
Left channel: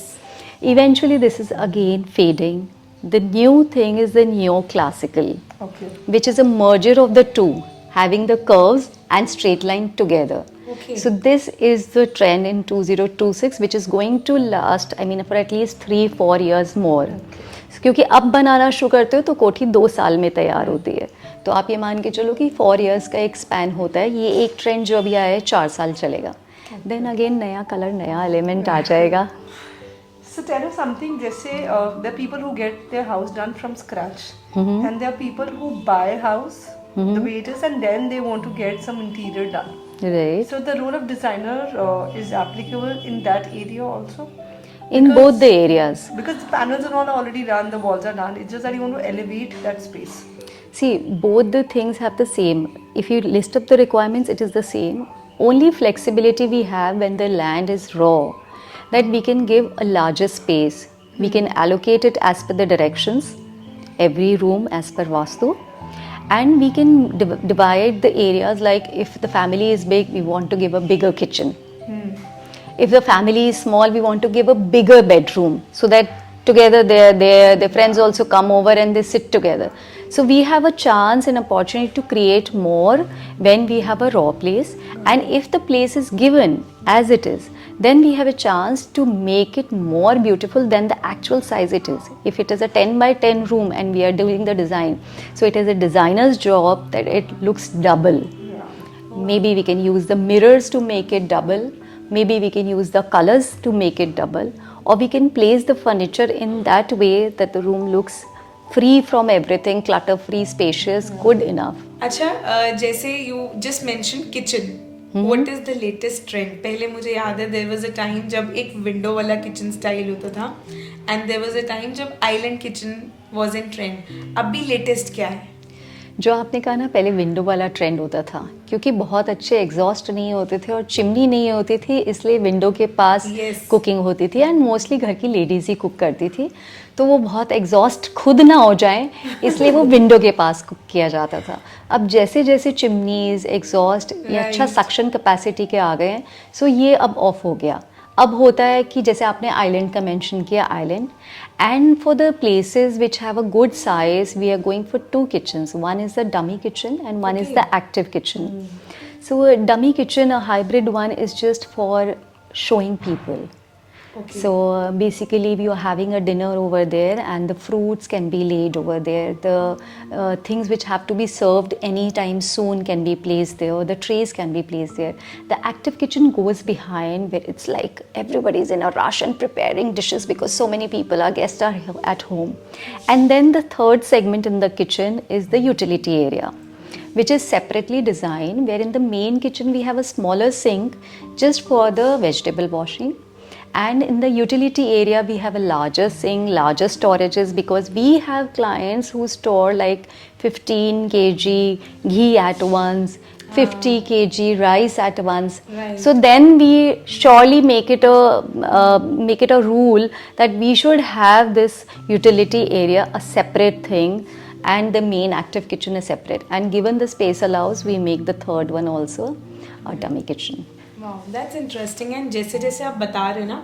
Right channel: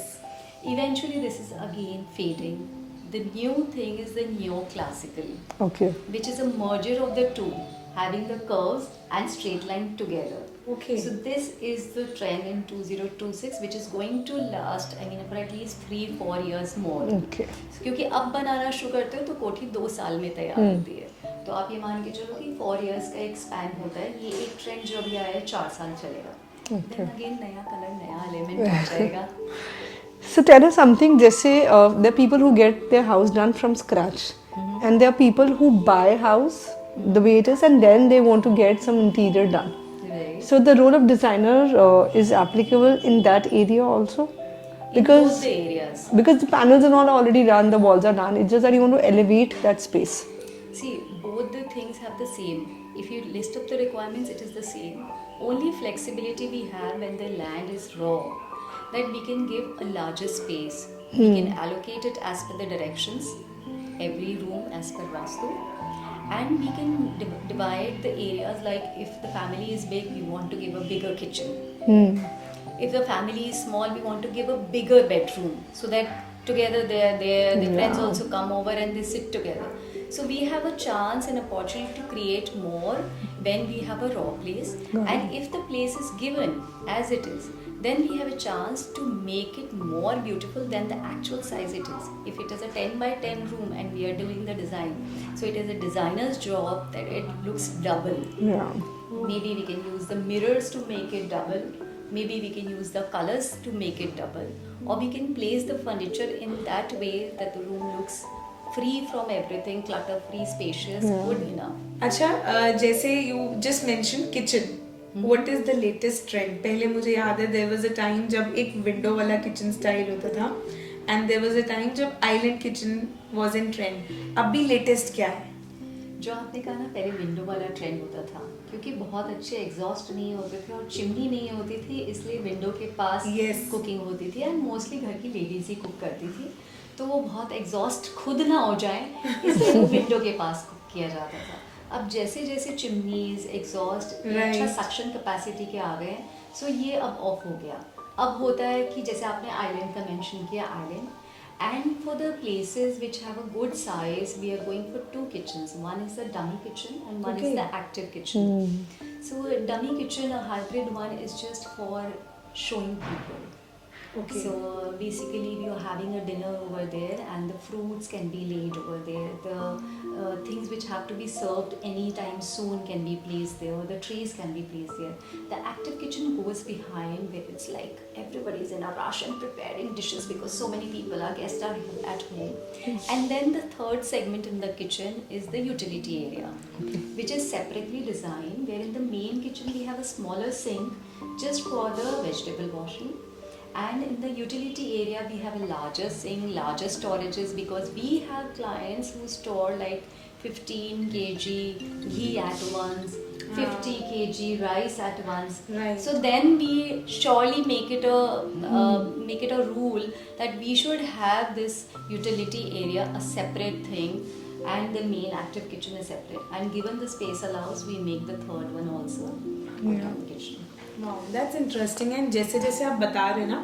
Eventually this is again fading. The new thing is the new classical, Okay. which is a merger of the two, having the curves and straight line together. Okay. So this is the trend in 2026, which is going to last, I mean, for at least 3-4 years more. Okay. क्योंकि अब बनाना शुरू करते हो तो कोठी 2 साल में तैयार होती है. तो आप ये मान के चलो कि 4 years का एक स्पैन होता है. ये एक ट्रेंड जो अभी आया है 4 साल चलेगा. देन अगेन नया कलर, नया एलिमेंट आ जाएगा. So tell us something. जैसे the people who get their house done from scratch, and there are people who buy house the way it is, and then they want to get some interior done. Right. So the role of designer is applicable in that area also. In both the areas. Because the panels and all are already done, the walls are done. It's just that you want to elevate that space. See, both the things have the same. If you list up the requirements, it is the same. Only flexibility we have when the land is raw, that we can give a larger space. We can allocate it as per the directions, every room as per Vastu. And we can divide the areas, like if the family is big, we want to give a bigger kitchen. If the family is small, we want to give a bigger bedroom, so that together their friends also come over and they sit together. So we have a chance and opportunity to create more when we have a raw place. And if the place is given as it is, then we have a chance to make it more beautiful than the actual size it is. If it is a 10 by 10 room and we are doing the design, so it is a designer's job that it looks double. Yeah. Maybe we can use the mirrors to make it double. Maybe we can use the colors to make it double, or we can place the furniture in that way that the room looks free from everything, clutter free, spacious, good enough. अच्छा, जैसे you just mentioned kitchen. What is the latest trend? पहले मुझे याद है there was a time जब एक window वाला kitchen style होता था, and there was a time जब island kitchen was in trend. अभी latest क्या है? जो आपने कहा ना, पहले विंडो वाला ट्रेंड होता था, क्योंकि बहुत अच्छे एग्जॉस्ट नहीं होते थे और चिमनी नहीं होती थी, इसलिए विंडो के पास कुकिंग होती थी. एंड मोस्टली घर की लेडीज़ ही कुक करती थी, तो वो बहुत एग्जॉस्ट खुद ना हो जाए, इसलिए वो विंडो के पास कुक किया जाता था. अब जैसे जैसे चिमनीज, एग्जॉस्ट ये अच्छा सक्शन कैपेसिटी के आ गए हैं, सो ये अब ऑफ हो गया. अब होता है कि जैसे आपने आइलैंड का मेंशन किया, island. And for the places which have a good size, we are going for 2 kitchens. One is the dummy kitchen and one is the active kitchen. So a dummy kitchen, a hybrid one, is just for showing people. So basically we are having a dinner over there and the fruits can be laid over there. The things which have to be served anytime soon can be placed there. The trays can be placed there. The active kitchen goes behind, where it's like everybody's in a rush and preparing dishes because so many people, our guests are at home. And then the third segment in the kitchen is the utility area, which is separately designed, where in the main kitchen we have a smaller sink just for the vegetable washing. And in the utility area, we have a larger sink, larger storages, because we have clients who store like 15 kg ghee at once, 50 kg rice at once. Right. So then we surely make it a rule that we should have this utility area a separate thing, and the main active kitchen is separate. And given the space allows, we make the third one also a dummy kitchen. Wow, that's interesting. And जैसे जैसे आप बता रहे ना,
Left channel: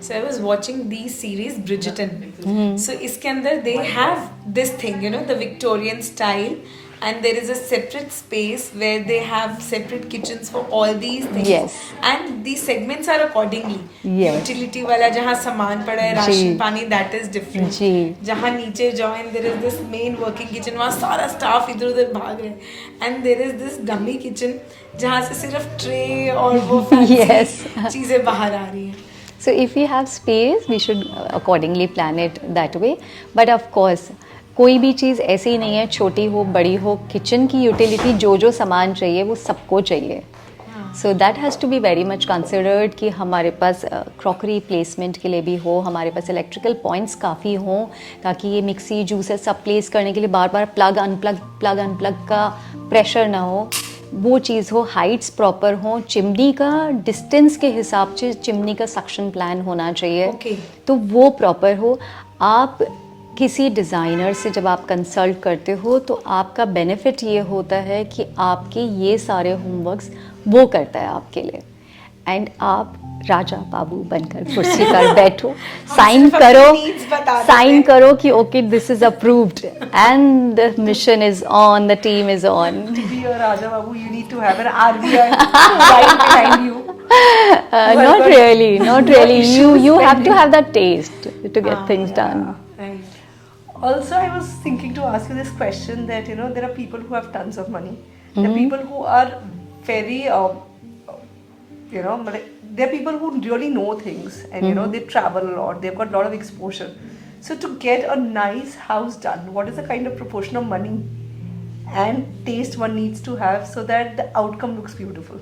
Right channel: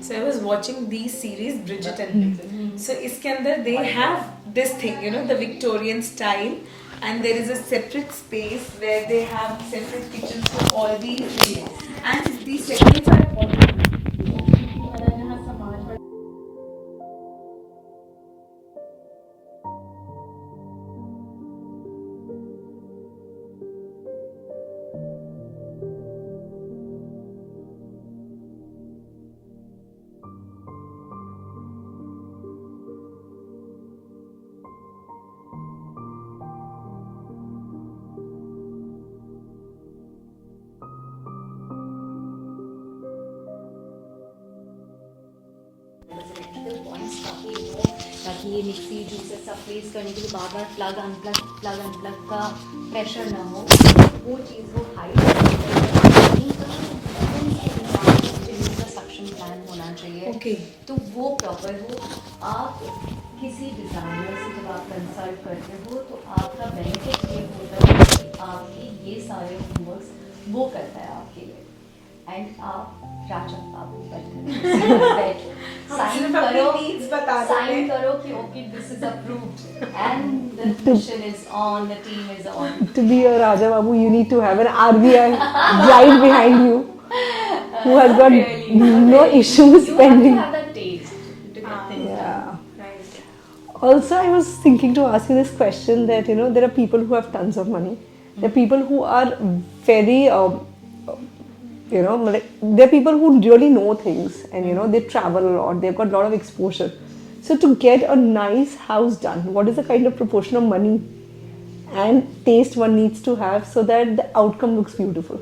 so I was watching these series Bridgerton. So इसके अंदर they have this thing, you know, the Victorian style, and there is a separate space where they have separate kitchens for all these things. Yes. And these segments are accordingly. Yes. Utility वाला जहाँ सामान पड़ा है, ration जी. पानी, that is different. जी. जहाँ नीचे जाओ and there is this main working kitchen, वहाँ सारा staff इधर उधर भाग रहे हैं. And there is this dummy kitchen जहाँ से सिर्फ tray और वो fancy Yes. चीजें बाहर आ रही हैं. So if we have space, we should accordingly plan it that way. But of course, कोई भी चीज़ ऐसी ही नहीं है, छोटी हो बड़ी हो, किचन की यूटिलिटी जो जो सामान चाहिए वो सबको चाहिए. So that has to be very much considered कि हमारे पास क्रॉकरी प्लेसमेंट के लिए भी हो, हमारे पास इलेक्ट्रिकल पॉइंट्स काफ़ी हों, ताकि ये मिक्सी जूसर सब प्लेस करने के लिए बार बार प्लग अनप्लग का प्रेशर ना हो, वो चीज़ हो, हाइट्स प्रॉपर हो, चिमनी का डिस्टेंस के हिसाब से चिमनी का सक्शन प्लान होना चाहिए. Okay. तो वो प्रॉपर हो. आप किसी डिज़ाइनर से जब आप कंसल्ट करते हो तो आपका बेनिफिट ये होता है कि आपके ये सारे होमवर्क्स वो करता है आपके लिए, एंड आप राजा बाबू बनकर कुर्सी पर बैठो, साइन करो कि okay this is approved and the mission is on, the team is on. To be a Raja Babu, you need to have an RBI right behind you. Not really. No You issues have to pending. have that taste to get things done. Right. Also, I was thinking to ask you this question that, you know, there are people who have tons of money. There are people who are very, you know, like, there are people who really know things and, you know, they travel a lot. They've got a lot of exposure. So to get a nice house done, what is the kind of proportion of money and taste one needs to have so that the outcome looks beautiful?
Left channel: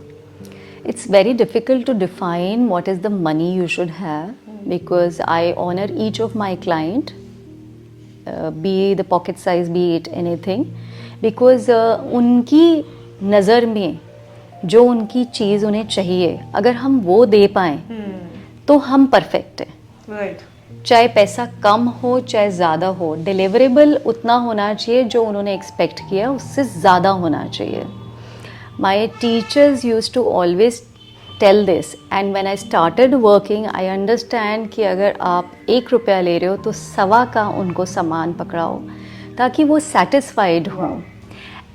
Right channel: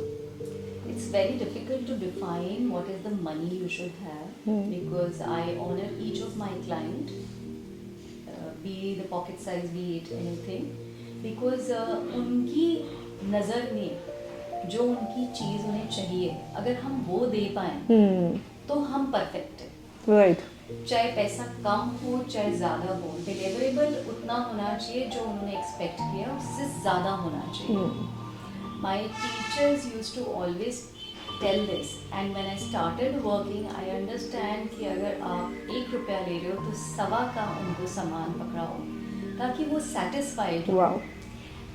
It's very difficult to define what is the money you should have, because I honor each of my client, be the pocket size, be it anything, because उनकी नज़र में जो उनकी चीज़ उन्हें चाहिए अगर हम वो दे पाएँ तो हम परफेक्ट हैं. Right. चाहे पैसा कम हो चाहे ज़्यादा हो, डिलीवरेबल उतना होना चाहिए जो उन्होंने एक्सपेक्ट किया उससे ज़्यादा होना चाहिए. My teachers used to always tell this, and when I started working, I understand कि अगर आप 1 रुपया ले रहे हो तो सवा का उनको सामान पकड़ाओ ताकि वो satisfied हो.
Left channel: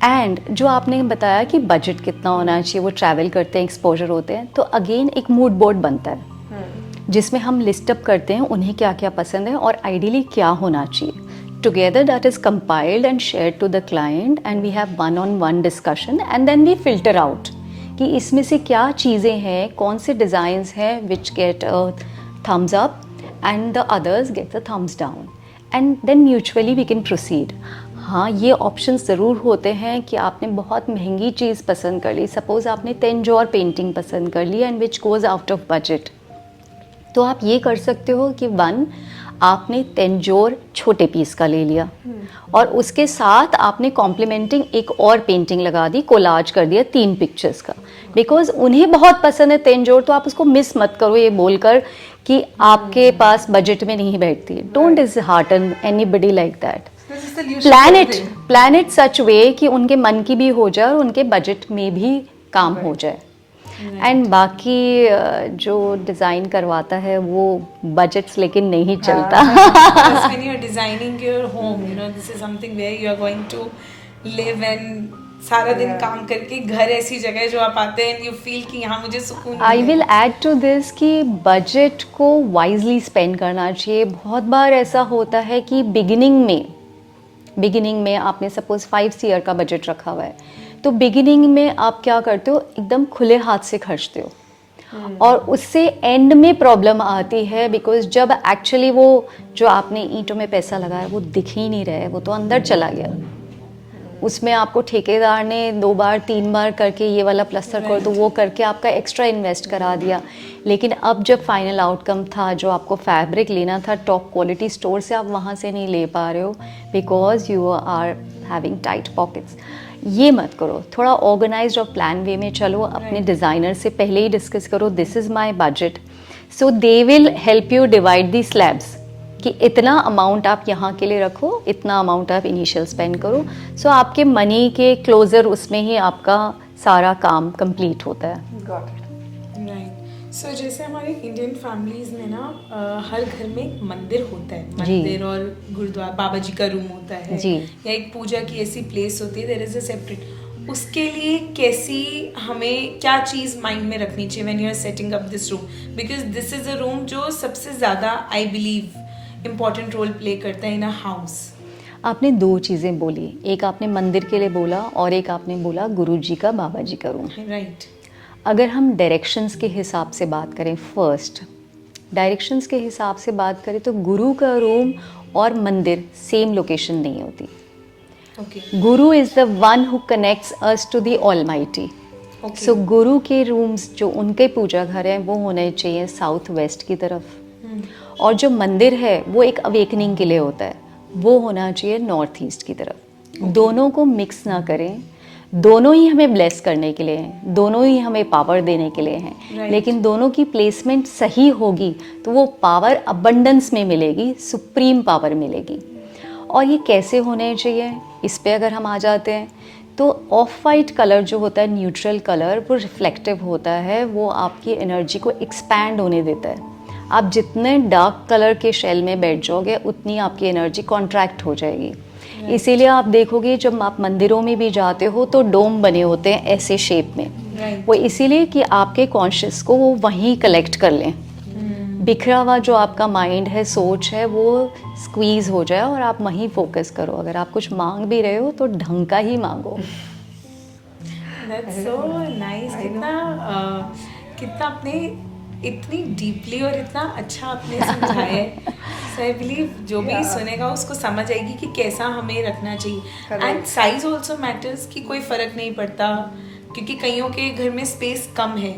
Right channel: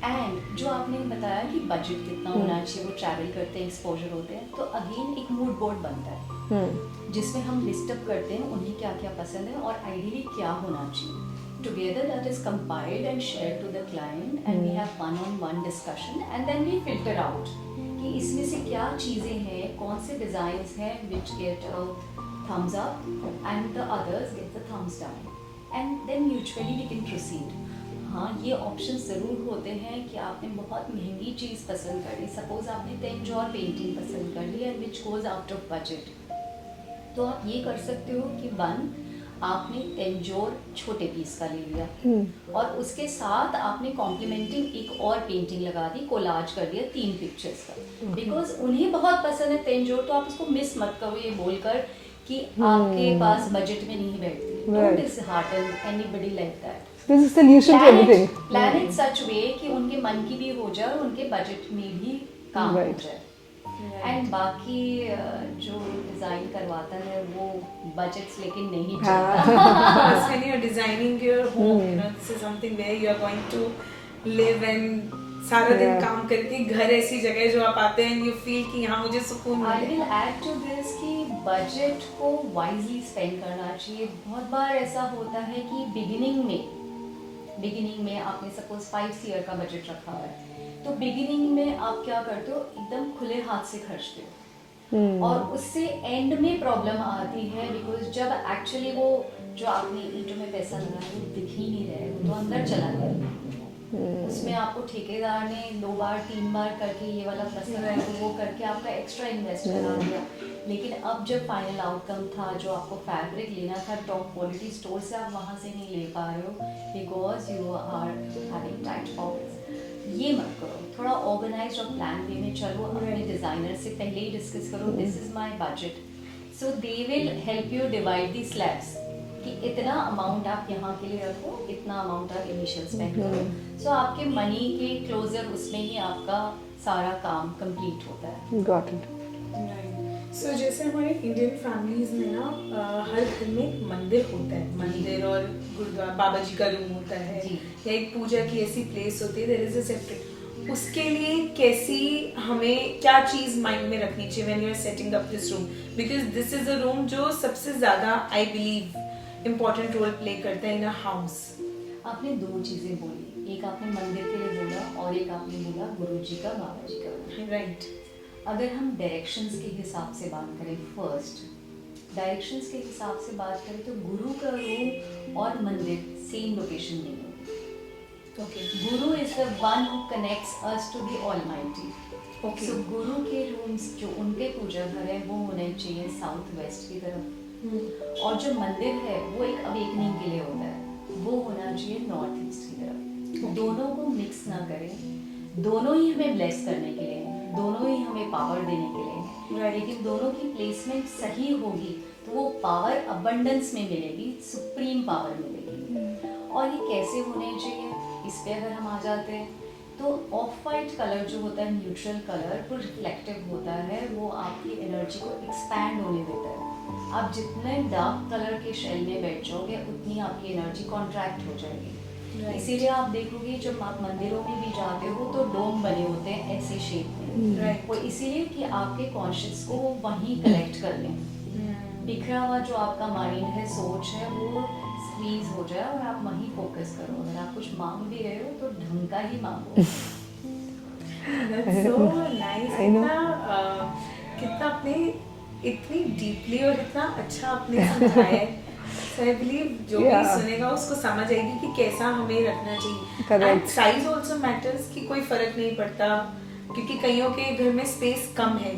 एंड जो आपने बताया कि बजट कितना होना चाहिए, वो ट्रैवल करते हैं, एक्सपोजर होते हैं, तो अगेन एक मूड बोर्ड बनता है जिसमें हम लिस्ट अप करते हैं उन्हें क्या क्या पसंद है और आइडियली क्या होना चाहिए. Together that is compiled and shared to the client, and we have one-on-one discussion, and then we filter out कि इसमें से क्या चीज़ें हैं, कौन से डिज़ाइंस हैं which get a thumbs up and the others get a thumbs down, and then mutually we can proceed. हाँ, ये ऑप्शंस ज़रूर होते हैं कि आपने बहुत महंगी चीज़ पसंद कर ली, सपोज़ आपने तेंजोर पेंटिंग पसंद कर ली and which goes out of budget, तो आप ये कर सकते हो कि आपने तेंजोर छोटे पीस का ले लिया और उसके साथ आपने कॉम्प्लीमेंटिंग एक और पेंटिंग लगा दी, कोलाज कर दिया 3 पिक्चर्स का, बिकॉज उन्हें बहुत पसंद है तेंजोर, तो आप उसको मिस मत करो ये बोलकर कि आपके पास बजट में नहीं बैठती. Don't dishearten anybody like that. Plan it such way कि उनके मन की भी हो जाए और उनके बजट में भी काम हो जाए. एंड बाकी जो डिज़ाइन करवाता है वो बजट्स लेकिन नहीं चलता. Because when you're designing your home, you know, this is something where you are going to live and सारा दिन काम करके घर ऐसी जगह है जो आप आते हैं and you feel कि यहाँ मुझे सुकून. I will add to this कि बजट को वाइजली स्पेंड करना चाहिए. बहुत बार ऐसा होता है कि बिगिनिंग में आपने सपोज 5 CR का बजट रखा हुआ है, तो बिगिनिंग में आप क्या करते हो, एकदम खुले हाथ से खर्चते हो और उससे एंड में प्रॉब्लम आती है, बिकॉज जब एक्चुअली वो जो आपने ईंटों में पैसा लगाया वो दिख ही नहीं रहा है, वो तो अंदर चला गया. उसमें आपको ठेकेदार ने 2 बार 3 बार करके ये वाला प्लस्तर कर दो, वो करके आपका एक्स्ट्रा इन्वेस्ट करा दिया। लेकिन अब जब फाइनल आउटकम था, जो आपको फैब्रिक लेना था टॉप क्वालिटी स्टोर से, आप वहाँ से नहीं ले पा रहे हो because you are having tight pockets. ये मत करो, थोड़ा ऑर्गेनाइज्ड और प्लान वे में चलो। अपने डिज़ाइनर से पहले ही डिस्कस करो, this is my budget, so they will help you divide the slabs कि इतना अमाउंट आप यहाँ के लिए रखो, इतना अमाउंट आप इनिशियल स्पेंड करो। सो आपके मनी के क्लोजर उसमें ही आपका सारा काम कंप्लीट होता है। Got it. सो जैसे हमारे इंडियन फैमिलीज में ना हर घर में एक मंदिर होता है, मंदिर और गुरुद्वारा, बाबा जी का रूम होता है जी। या एक पूजा की ऐसी प्लेस होती है, देयर इज अ सेपरेट। उसके लिए कैसी हमें क्या चीज माइंड में रखनी चाहिए when you are setting up this room, because this is a room जो सबसे ज्यादा I believe important role play करता है इन अ हाउस। आपने 2 चीज़ें बोली, एक आपने मंदिर के लिए बोला और एक आपने बोला गुरुजी का, बाबा जी का रूम। राइट। अगर हम डायरेक्शंस के हिसाब से बात करें, फर्स्ट डायरेक्शंस के हिसाब से बात करें तो गुरु का रूम और मंदिर सेम लोकेशन नहीं होती। Okay. Guru is the one who connects us to the almighty. So guru के रूम्स जो उनके पूजा घर हैं वो होने चाहिए साउथ वेस्ट की तरफ, और जो मंदिर है वो एक अवेकनिंग के लिए होता है, वो होना चाहिए नॉर्थ ईस्ट की तरफ। दोनों को मिक्स ना करें, दोनों ही हमें ब्लेस करने के लिए हैं, दोनों ही हमें पावर देने के लिए हैं, लेकिन दोनों की प्लेसमेंट सही होगी तो वो पावर अबंडेंस में मिलेगी, सुप्रीम पावर मिलेगी। और ये कैसे होने चाहिए, इस पे अगर हम आ जाते हैं तो ऑफ वाइट कलर जो होता है, न्यूट्रल कलर, वो रिफ्लेक्टिव होता है, वो आपकी एनर्जी को एक्सपैंड होने देता है। आप जितने डार्क कलर के शेल में बैठ जाओगे उतनी आपकी एनर्जी कॉन्ट्रैक्ट हो जाएगी। इसीलिए आप देखोगे जब आप मंदिरों में भी जाते हो तो डोम बने होते हैं ऐसे शेप में, वो इसीलिए कि आपके कॉन्शियस को वो वहीं कलेक्ट कर लें, बिखरा हुआ जो आपका माइंड है, सोच है, वो स्क्वीज हो जाए और आप वहीं फोकस करो। अगर आप कुछ मांग भी रहे हो तो ढंग का ही मांगो। That's so nice. कितना आपने इतनी डीपली और इतना अच्छा आपने समझाया है। So I believe जो भी सुनेगा उसको समझ आएगी कि कैसा हमें रखना चाहिए। एंड साइज ऑल्सो मैटर्स, कि कोई फर्क नहीं पड़ता, क्योंकि कईयों के घर में स्पेस कम है,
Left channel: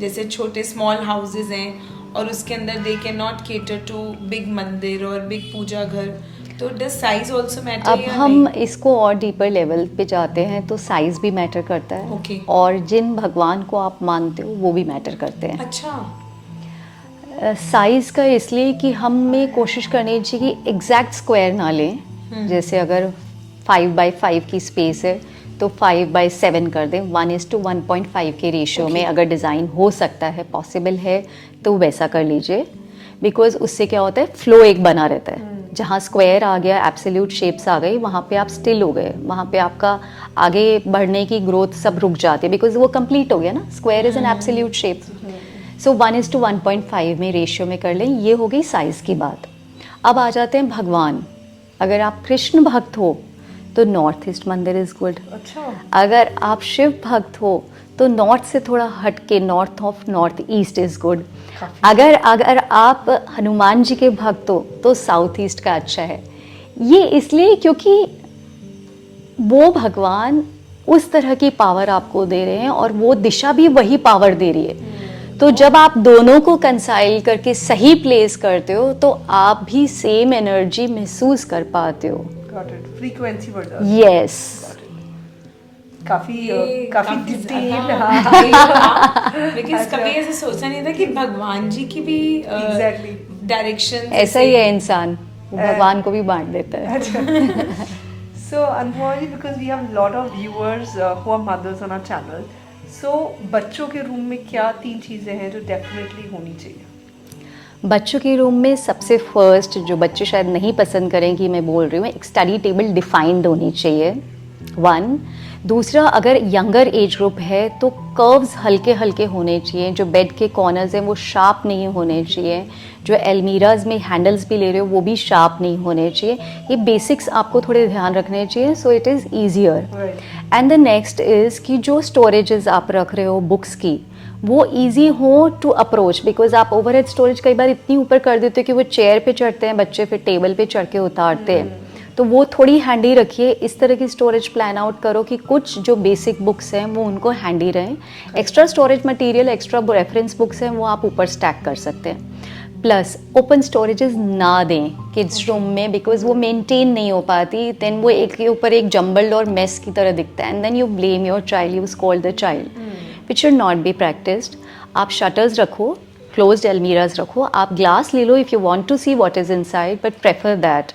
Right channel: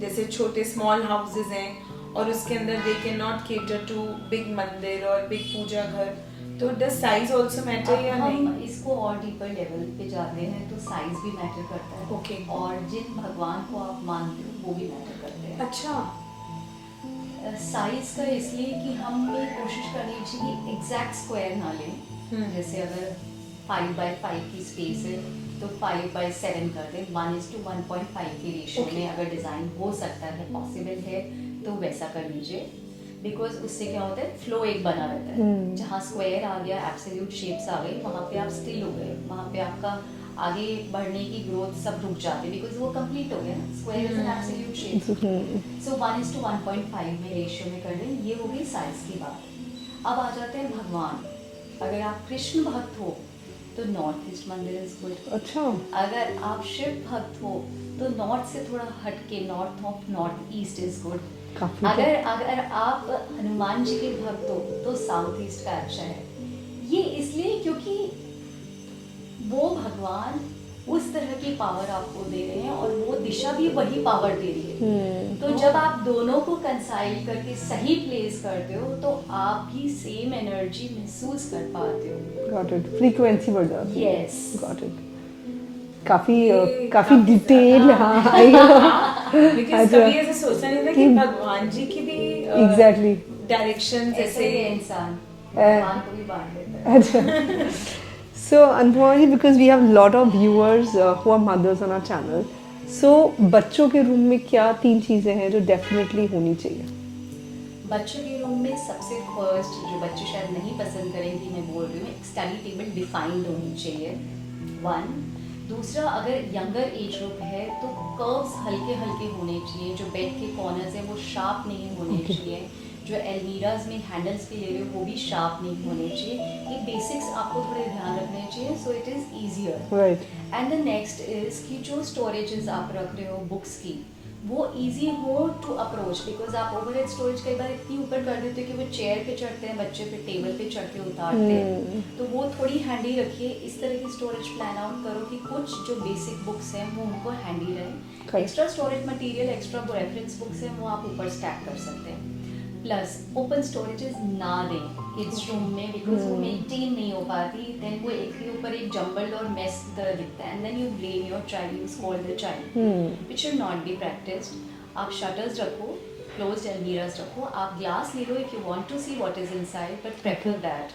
जैसे छोटे स्मॉल हाउसेज हैं और उसके अंदर they can not cater to big mandir और बिग पूजा घर, तो डज साइज ऑल्सो मैटर? अब हम इसको और डीपर लेवल पे जाते हैं तो साइज भी मैटर करता है। Okay. और जिन भगवान को आप मानते हो वो भी मैटर करते हैं। अच्छा। साइज़ का इसलिए कि हमें कोशिश करनी चाहिए कि एग्जैक्ट स्क्वायर ना लें। जैसे अगर 5 by 5 की स्पेस है तो 5 by 7 कर दें, 1:1.5 के रेशियो में अगर डिज़ाइन हो सकता है, पॉसिबल है तो वैसा कर लीजिए। बिकॉज उससे क्या होता है, फ्लो एक बना रहता है। जहाँ स्क्वायर आ गया, एब्सोल्यूट शेप्स आ गई, वहाँ पे आप स्टिल हो गए, वहाँ पे आपका आगे बढ़ने की ग्रोथ सब रुक जाती है, बिकॉज वो कंप्लीट हो गया ना। Square is an absolute shape. So 1:1.5 में रेशियो में कर लें, ये हो गई साइज़ की बात। अब आ जाते हैं भगवान। अगर आप कृष्ण भक्त हो तो नॉर्थ ईस्ट मंदिर इज़ गुड। अच्छा। अगर आप शिव भक्त हो तो नॉर्थ से थोड़ा हट के north of north east is good. अगर आप हनुमान जी के भक्त हो तो साउथ ईस्ट का अच्छा है। ये इसलिए क्योंकि वो भगवान उस तरह की पावर आपको दे रहे हैं और वो दिशा भी वही पावर दे रही है। तो जब आप दोनों को कंसाइल करके सही प्लेस करते हो तो आप भी सेम एनर्जी महसूस कर पाते हो। Got it. Frequency बढ़ जाती है। यस। Got it. काफी डिटेल। बिकॉज़ कभी ऐसे सोचा नहीं था कि भगवान जी की भी Exactly. डायरेक्शन ऐसा ही है इंसान, भगवान को भी बांट देता है। So unfortunately, because we have a lot of viewers who are mothers on our channel, so बच्चों के रूम में क्या 3 चीजें हैं जो डेफिनेटली होनी चाहिए? बच्चों के रूम में सबसे फर्स्ट, जो बच्चे शायद नहीं पसंद करें कि मैं बोल रही हूँ, एक स्टडी टेबल डिफाइंड होनी चाहिए, 1। दूसरा, अगर यंगर एज ग्रुप है तो कर्व्स हल्के हल्के होने चाहिए। जो बेड के कॉर्नर्स हैं वो शार्प नहीं होने चाहिए। जो एलमीराज में हैंडल्स भी ले रहे हो वो भी शार्प नहीं होने चाहिए। ये बेसिक्स आपको थोड़े ध्यान रखने चाहिए, so it is easier. And the next is कि जो स्टोरेजेस आप रख रहे हो बुक्स की, वो ईजी हो टू अप्रोच। बिकॉज आप ओवरहेड स्टोरेज कई बार इतनी ऊपर कर देते हो कि वो चेयर पे चढ़ते हैं बच्चे, फिर टेबल पे चढ़ के उतारते हैं, तो वो थोड़ी हैंडी रखिए। इस तरह की स्टोरेज प्लान आउट करो कि कुछ जो बेसिक बुक्स हैं वो उनको हैंडी रहें। Extra storage material, extra reference books हैं वो आप ऊपर स्टैक कर सकते हैं। प्लस ओपन स्टोरेजेस ना दें किड्स रूम में, बिकॉज वो मेंटेन नहीं हो पाती, देन वो एक के ऊपर एक जम्बल्ड और मेस की तरह दिखता है, and then you blame your child, you scold the child, which should not be practised. आप शटर्स रखो, क्लोज्ड अलमीराज रखो, आप ग्लास ले लो if you want to see what is inside, but prefer that.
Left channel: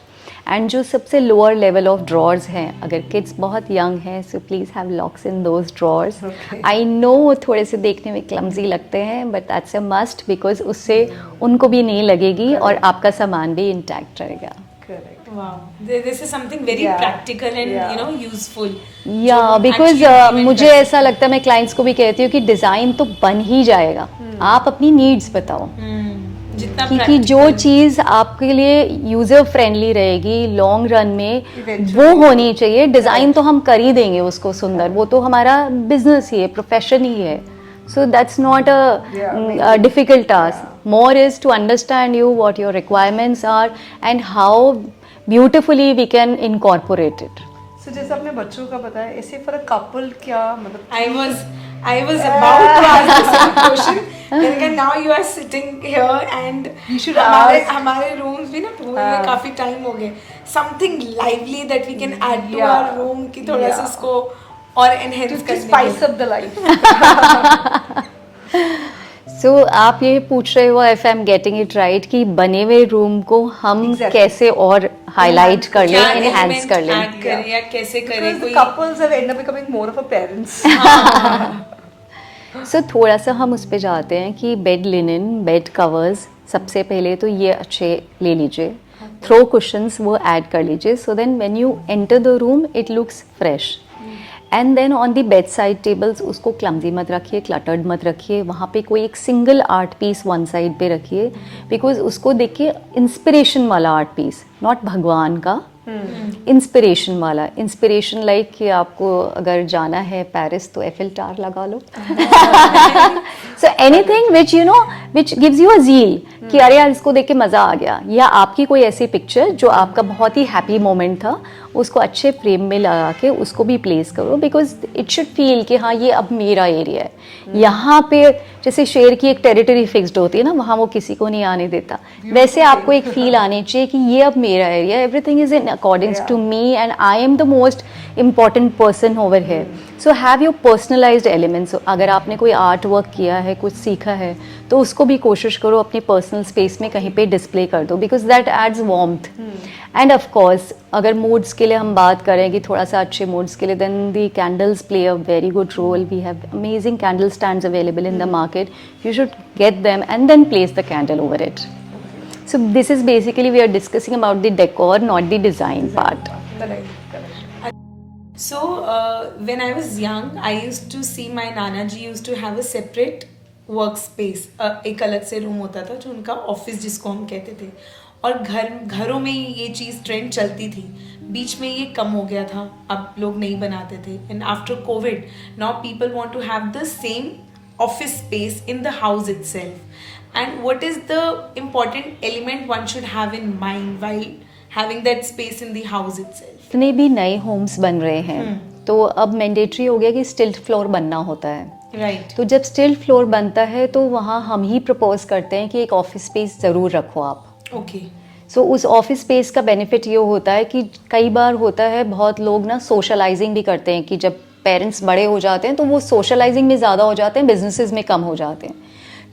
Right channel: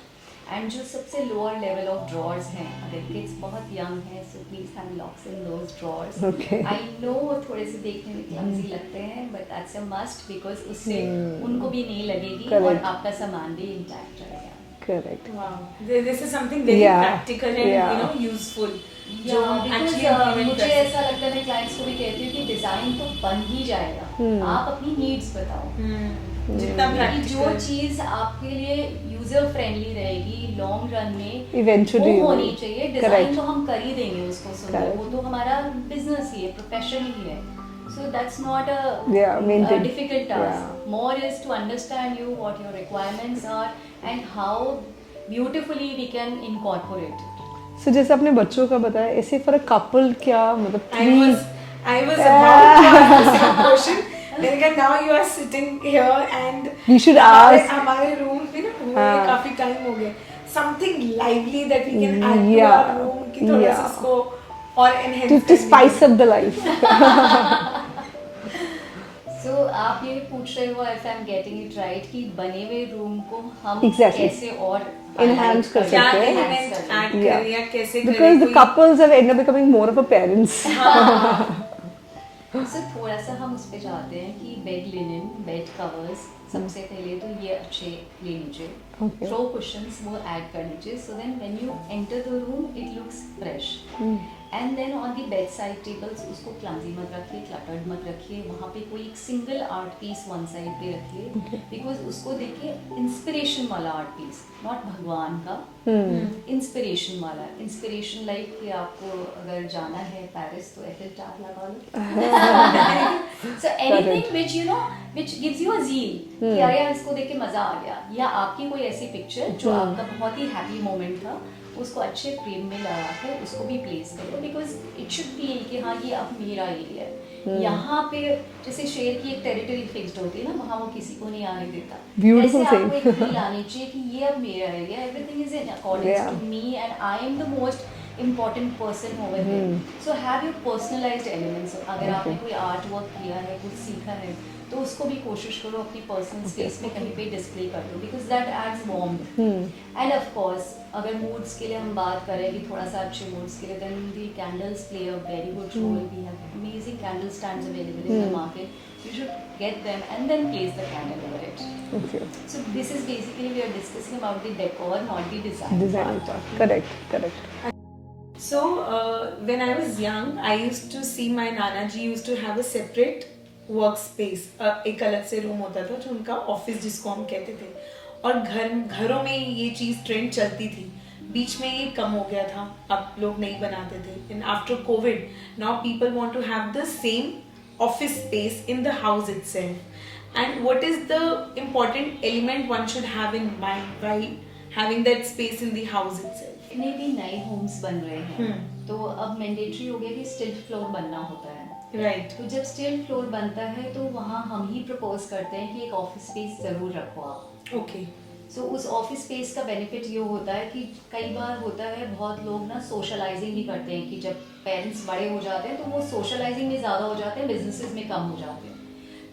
And जो सबसे लोअर लेवल ऑफ ड्रॉर्स हैं, अगर किड्स बहुत यंग हैं, so please have locks in those drawers. I know वो थोड़े से देखने में क्लमजी लगते हैं, but that's a must, because उससे उनको भी नहीं लगेगी और आपका सामान भी इंटैक्ट रहेगा। Correct. Wow, this is something very Yeah. practical and Yeah. useful. या जो बिकॉज actually implement मुझे कर ऐसा लगता है, मैं क्लाइंट्स को भी कहती हूँ कि डिज़ाइन तो बन ही जाएगा, आप अपनी नीड्स बताओ। जितना क्योंकि जो practical- चीज़ आपके लिए यूज़र फ्रेंडली रहेगी लॉन्ग रन में, Eventually वो होनी चाहिए। Design Correct. तो हम कर ही देंगे उसको सुंदर, Correct. वो तो हमारा बिजनेस ही है, प्रोफेशन ही है। So that's not Yeah, a amazing. Difficult task. More is to understand you, what your requirements are and how beautifully we can incorporate it. So जैसे आपने बच्चों का बताया, ऐसे फॉर अ कपल क्या मतलब I was about to ask the same question. लेकिन now you are sitting here and You should हमारे rooms भी ना पूरे में काफी टाइम हो गए. Something lively that we can add to Yeah. our room कि थोड़ा सा Yeah. उसको और enhance to करने spice में. up the life. सो आप ये पूछ रहे हो, if I am getting it right, कि बने हुए रूम को हम Exactly. कैसे और हाईलाइट Enhance कर लें, क्या एनहांस element कर लें। add करें या कैसे करें Because the कोई- couples have end up becoming more of a parents. सो थोड़ा सा हम उस पे जाते हैं कि बेड लिनन, बेड कवर्स, सबसे पहले तो ये अच्छे ले लीजिए। थ्रो कुशंस वो ऐड कर लीजिए, so then when you enter the room it looks fresh. And then on the bed side tables उसको क्लमजी मत रखिए, क्लटर्ड मत रखिए, वहाँ पे कोई एक single art piece one side पे रखिए, बिकॉज उसको देखिए इंस्पिरेशन वाला आर्ट पीस, नॉट भगवान का, इंस्पिरेशन वाला। इंस्पिरेशन लाइक कि आपको अगर जाना है पेरिस तो एफिल टावर लगा लो। So anything which you know which gives you a zeal कि अरे यार इसको देख के मज़ा आ गया, या आपकी कोई ऐसी पिक्चर जो आपका बहुत ही हैप्पी मोमेंट था, उसको अच्छे फ्रेम में लगा के उसको भी प्लेस करो, बिकॉज इट शुड फील कि हाँ ये अब मेरा एरिया है। यहाँ पे जैसे शेर की एक टेरिटरी फिक्स्ड होती है ना, वहाँ वो किसी को नहीं आने देता, वैसे आपको एक फील आनी चाहिए कि ये अब मेरा area, everything is in accordings to me and I am the most important person over here. So have your personalized elements. So, अगर आपने कोई आर्ट वर्क किया है, कुछ सीखा है, तो उसको भी कोशिश करो अपनी पर्सनल स्पेस में कहीं पे डिस्प्ले कर दो, because that adds warmth. And of course अगर मूड्स के लिए हम बात करें कि थोड़ा सा अच्छे मूड्स के लिए, then the candles play a very good role. We have amazing candle stands available in the market, you should get them and then place the candle over it. So this is basically we are discussing about the decor, not the design part. Correct. So when I was young, I used to see my Nana ji used to have a separate workspace. एक अलग से room होता था जो उनका office जिसको हम कहते थे, और घरों में ये चीज़ ट्रेंड चलती थी। बीच में ये कम हो गया था, अब लोग नहीं बनाते थे। And after covid now people want to have the same office space in the house itself. And what is the important element one should have in mind while having that space in the house itself? जितने भी नए Holmes बन रहे हैं तो अब mandatory हो गया कि स्टिल्ट फ्लोर बनना होता है। Right. तो जब स्टिल्ट फ्लोर बनता है तो वहाँ हम ही प्रपोज करते हैं कि एक ऑफिस स्पेस ज़रूर रखो आप। Okay. सो उस ऑफिस स्पेस का बेनिफिट ये होता है कि कई बार होता है बहुत लोग ना सोशलाइजिंग भी करते हैं कि जब पेरेंट्स बड़े हो जाते हैं तो वो सोशलाइजिंग में ज़्यादा हो जाते हैं, बिजनेसेस में कम हो जाते हैं।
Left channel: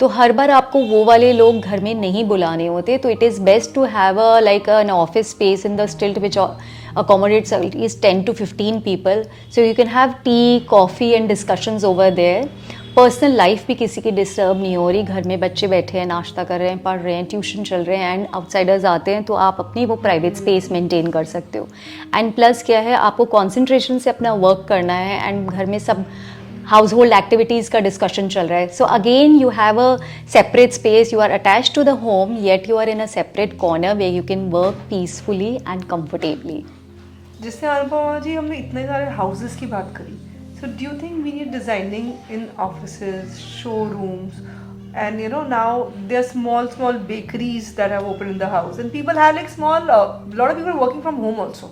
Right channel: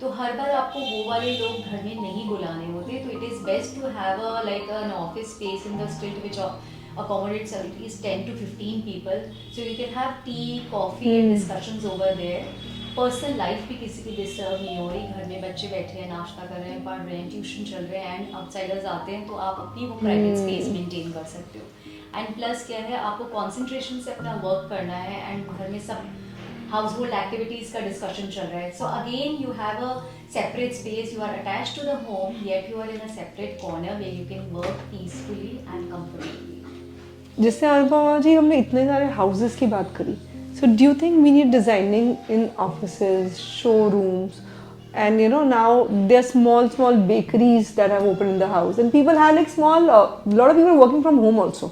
तो हर बार आपको वो वाले लोग घर में नहीं बुलाने होते, तो it is best to have a like an office space in the stilt which accommodates at least 10 to 15 people, so you can have tea, coffee and discussions over there. Personal life भी किसी की disturb नहीं हो रही, घर में बच्चे बैठे हैं, नाश्ता कर रहे हैं, पढ़ रहे हैं, ट्यूशन चल रहे हैं, एंड आउटसाइडर्स आते हैं तो आप अपनी वो प्राइवेट स्पेस मेंटेन कर सकते हो। एंड प्लस क्या है, आपको कॉन्सेंट्रेशन से अपना वर्क करना है एंड घर में सब हाउस होल्ड एक्टिविटीज़ का डिस्कशन चल रहा है। So again you have a separate space, you are attach to the home yet you are in a separate corner way you can work peacefully and comfortably. जिससे अनुपमा जी हमने इतने सारे houses की बात करी, so do you think we need designing in offices, showrooms, And now there are small bakeries that have opened in the house, and people have like small. Lot of people working from home also.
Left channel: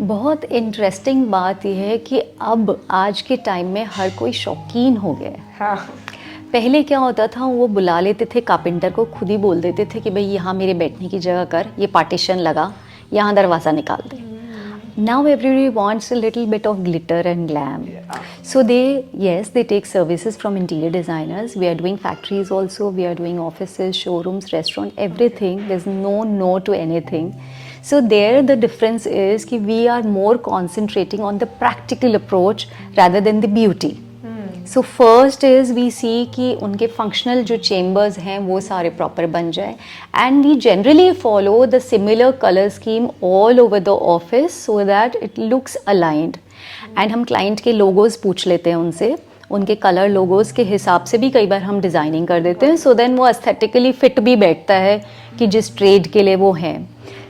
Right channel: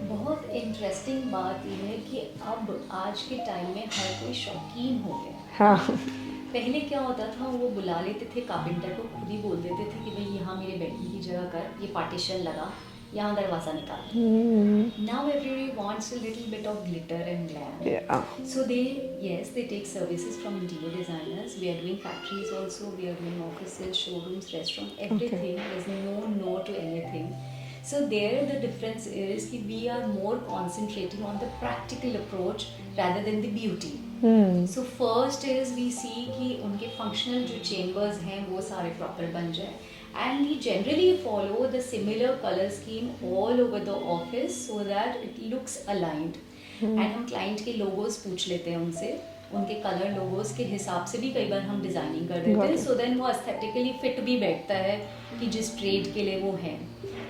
बहुत interesting बात यह है कि अब आज के time में हर कोई शौकीन हो गया है. हाँ. पहले क्या होता था, वो बुला लेते थे कारपेंटर को, खुद ही बोल देते थे कि भाई यहाँ मेरे बैठने की जगह कर, ये पार्टीशन लगा, यहाँ दरवाज़ा निकाल दे. Now everybody wants a little bit of glitter and glam. So they take services from interior designers. We are doing factories also, we are doing offices, showrooms, restaurant, everything. There is no to anything. So there the difference is कि we are more concentrating on the practical approach rather than the beauty. So first is we see कि उनके functional जो chambers हैं वो सारे proper बन जाए, and we generally follow the similar color scheme all over the office so that it looks aligned. And हम client के logos पूछ लेते हैं उनसे, उनके कलर लोगोस के हिसाब से भी कई बार हम डिज़ाइनिंग कर देते हैं, सो देन वो एस्थेटिकली फिट भी बैठता है कि जिस ट्रेड के लिए वो हैं.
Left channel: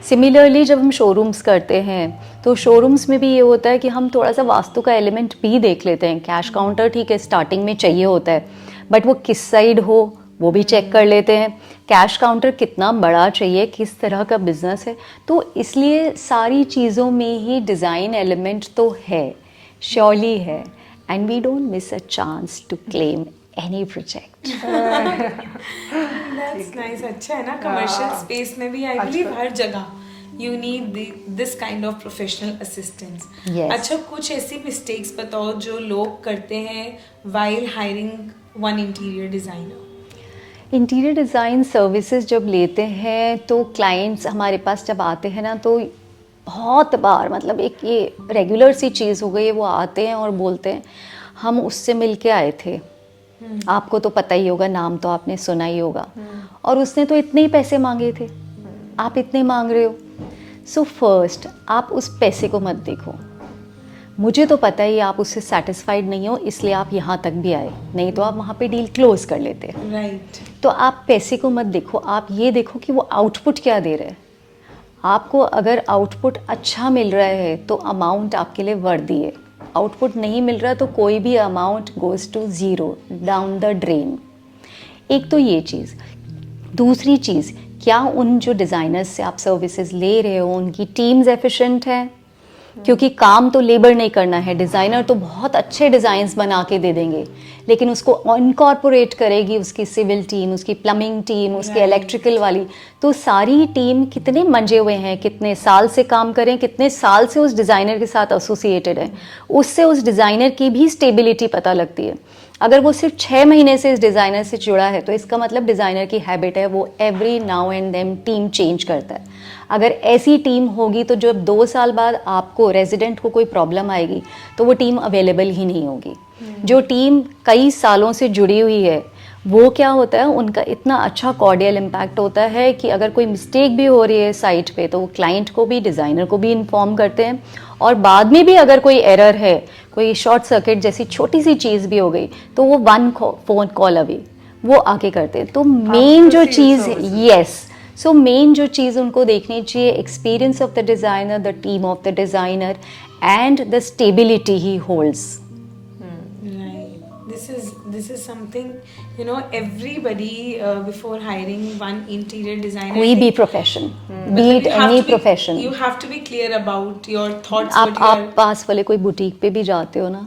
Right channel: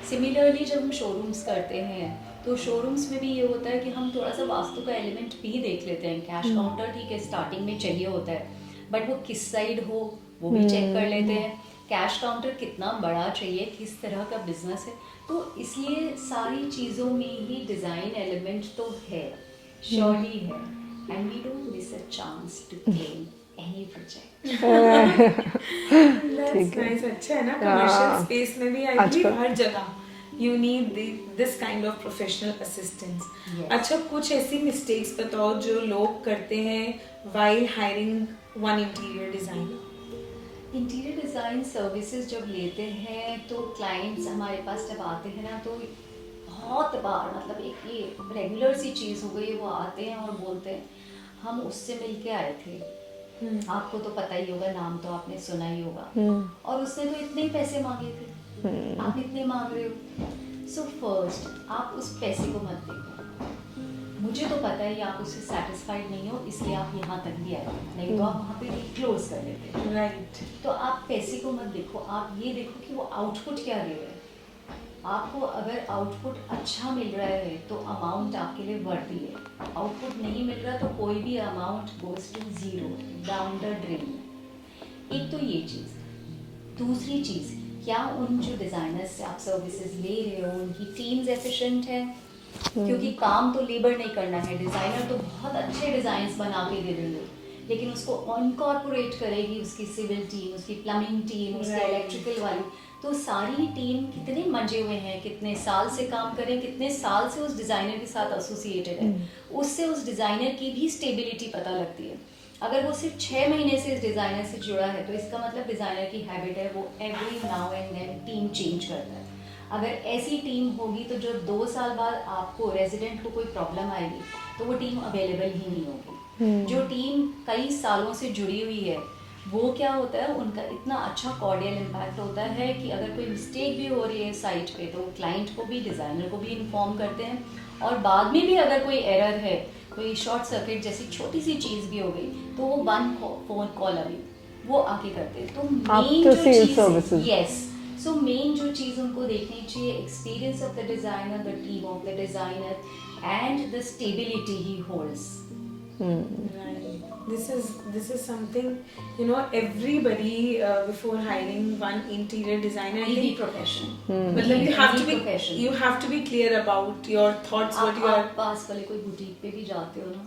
सिमिलरली जब हम शोरूम्स करते हैं तो शोरूम्स में भी ये होता है कि हम थोड़ा सा वास्तु का एलिमेंट भी देख लेते हैं. कैश काउंटर ठीक है स्टार्टिंग में चाहिए होता है, बट वो किस साइड हो वो भी चेक कर लेते हैं. कैश काउंटर कितना बड़ा चाहिए, किस तरह का बिजनेस है. तो इसलिए सारी चीज़ों में ही डिज़ाइन एलिमेंट तो है, श्योरली है. And we don't miss a chance to claim any project. That's nice. अच्छा है ना, commercial space में भी I believe हर जगह you need this kind of professional assistance. Yes. अच्छा, कुछ ऐसी mistakes बताओ जो लोग करते हैं while hiring one interior designer. Interior design services जब लेते हैं तो क्लाइंट्स हमारे पास जब आते हैं ना, तो बहुत बार मतलब एक ये रेगुलर सी चीज़ हो गई है, वो आते हैं और बोलते हैं हम उससे मिल के आए थे, आपको तो पता ही होगा, नाम तो आपने सुना ही होगा, और उसने तो इतने ही पैसे मांगे थे, आप इतने मांग रहे हो. सो फर्स्ट आप उस पैसे को मत देखो. मुझे तो पता ही आप उससे सेटिस्फाइड नहीं हो, इसलिए आप यहाँ तक भी आए, नहीं तो आप वहाँ पे डील क्लोज कर लेते. Right. तो आप पैसे को मत देखो, आप ये देखो कि वो आउटपुट क्या दे रहे हैं. आपको अगर आउटपुट अच्छा मिल रहा है तो अमाउंट आपके लिए वर्दी है. आउटपुट नहीं मिल रहा तो कोई भी amount goes to zero, down the drain. एक तो ये चीज़. दूसरी चीज़, क्या उन जो डिज़ाइनर्स से आप सर्विसेज ले रहे हो उनकी टीम्स एफिशिएंट है? क्योंकि काम तो लेबर नहीं करना है. डिज़ाइनर तो बहुत अच्छे डिज़ाइंस बना के दे देंगे, लेकिन उसको इनकॉर्पोरेट करेगी उसकी सिविल टीम, उसकी प्लम्बिंग टीम, उसकी इलेक्ट्रिकल वाली. तो सारी टीम कितने मंजे हुए हैं, कितने साल से काम करें, कितने साल से उस डिज़ाइनर के साथ एसोसिएटेड है, उससे उस डिज़ाइनर की भी स्टेबिलिटी पता लगती है. अगर वो सिर्फ 6 महीने से इस डिज़ाइनर से जुड़ा है तो इसका मतलब डिज़ाइनर की हैबिट है वो every now and then team change करता है. अगर ऐसी टीम होगी तो जब 2 साल बाद आपको रेजिडेंट को कोई प्रॉब्लम आएगी तो वो टीम अवेलेबल ही नहीं होगी. जो टीम कई सालों से जुड़ी हुई है वो क्या होता है, उनका इतना अच्छा कॉर्डियल इम्पैक्ट होता है कि अगर कोई मिस्टेक भी हो रही है साइट पे तो वो क्लाइंट को भी डिज़ाइनर को भी इन्फॉर्म करते हैं, और बाद में भी अगर कोई एरर है, कोई शॉर्ट सर्किट जैसी छोटी सी चीज़ भी हो गई तो वो 1 फ़ोन कॉल अवे वो आके करते हैं. तो मेन जो चीज़, यस, सो मेन जो चीज़ उनको देखनी चाहिए, experience of the designer, the team of the designer and the stability he holds. This is something, you know, everybody before hiring one interior designer. कोई भी profession, be it any profession. You have to be clear about your thoughts. आप पास वाले कोई boutique पे भी जाते हो ना,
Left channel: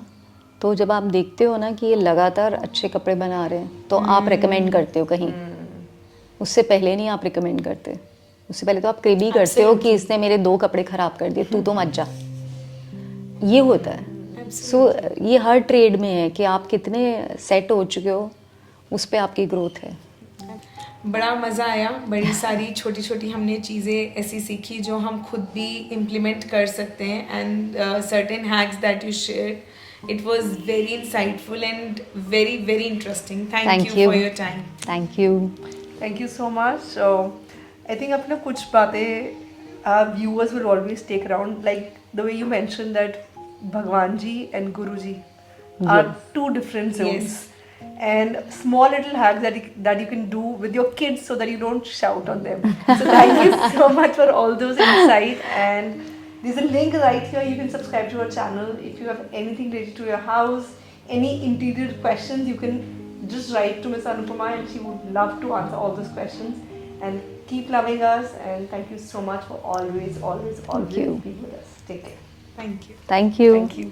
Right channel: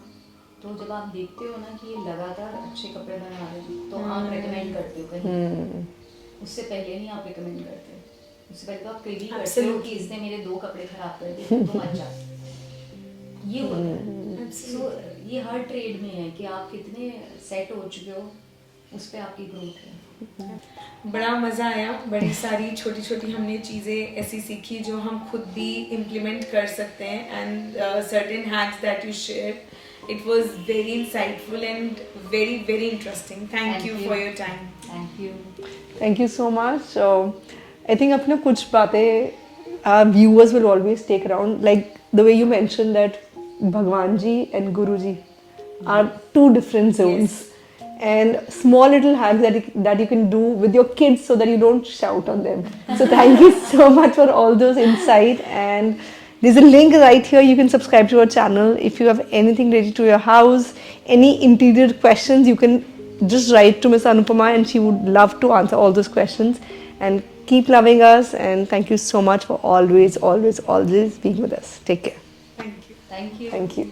तो जब आप देखते हो ना कि ये लगातार अच्छे कपड़े बना रहे हैं तो आप रेकमेंड करते हो कहीं. उससे पहले नहीं आप रिकमेंड करते, उससे पहले तो आप क्रेबी करते हो कि इसने मेरे 2 कपड़े ख़राब कर दिए, तू तो मत जा. ये होता है. सो ये हर ट्रेड में है कि आप कितने सेट हो चुके हो, उस पर आपकी ग्रोथ है. बड़ा मज़ा आया. बड़ी सारी छोटी छोटी हमने चीज़ें ऐसी सीखी जो हम खुद भी इम्प्लीमेंट कर सकते हैं. And certain hacks that you share, it was very insightful and very very interesting. Thank you for your time. Thank you so much. I think अपना कुछ बातें viewers will always take around, like the way you mentioned that Bhagwan ji and Guru ji are 2 different zones. Yes. And small little hacks that you can do with your kids so that you don't shout on them. So thank you so much for all those insight. And there's a link right here. You can subscribe to our channel. If you have anything related to your house, any interior questions, you can just write to Miss Anupama and she would love to answer all those questions. And keep loving us, and thank you so much for always being with us. Take care. Thank you. Thank you. Thank you.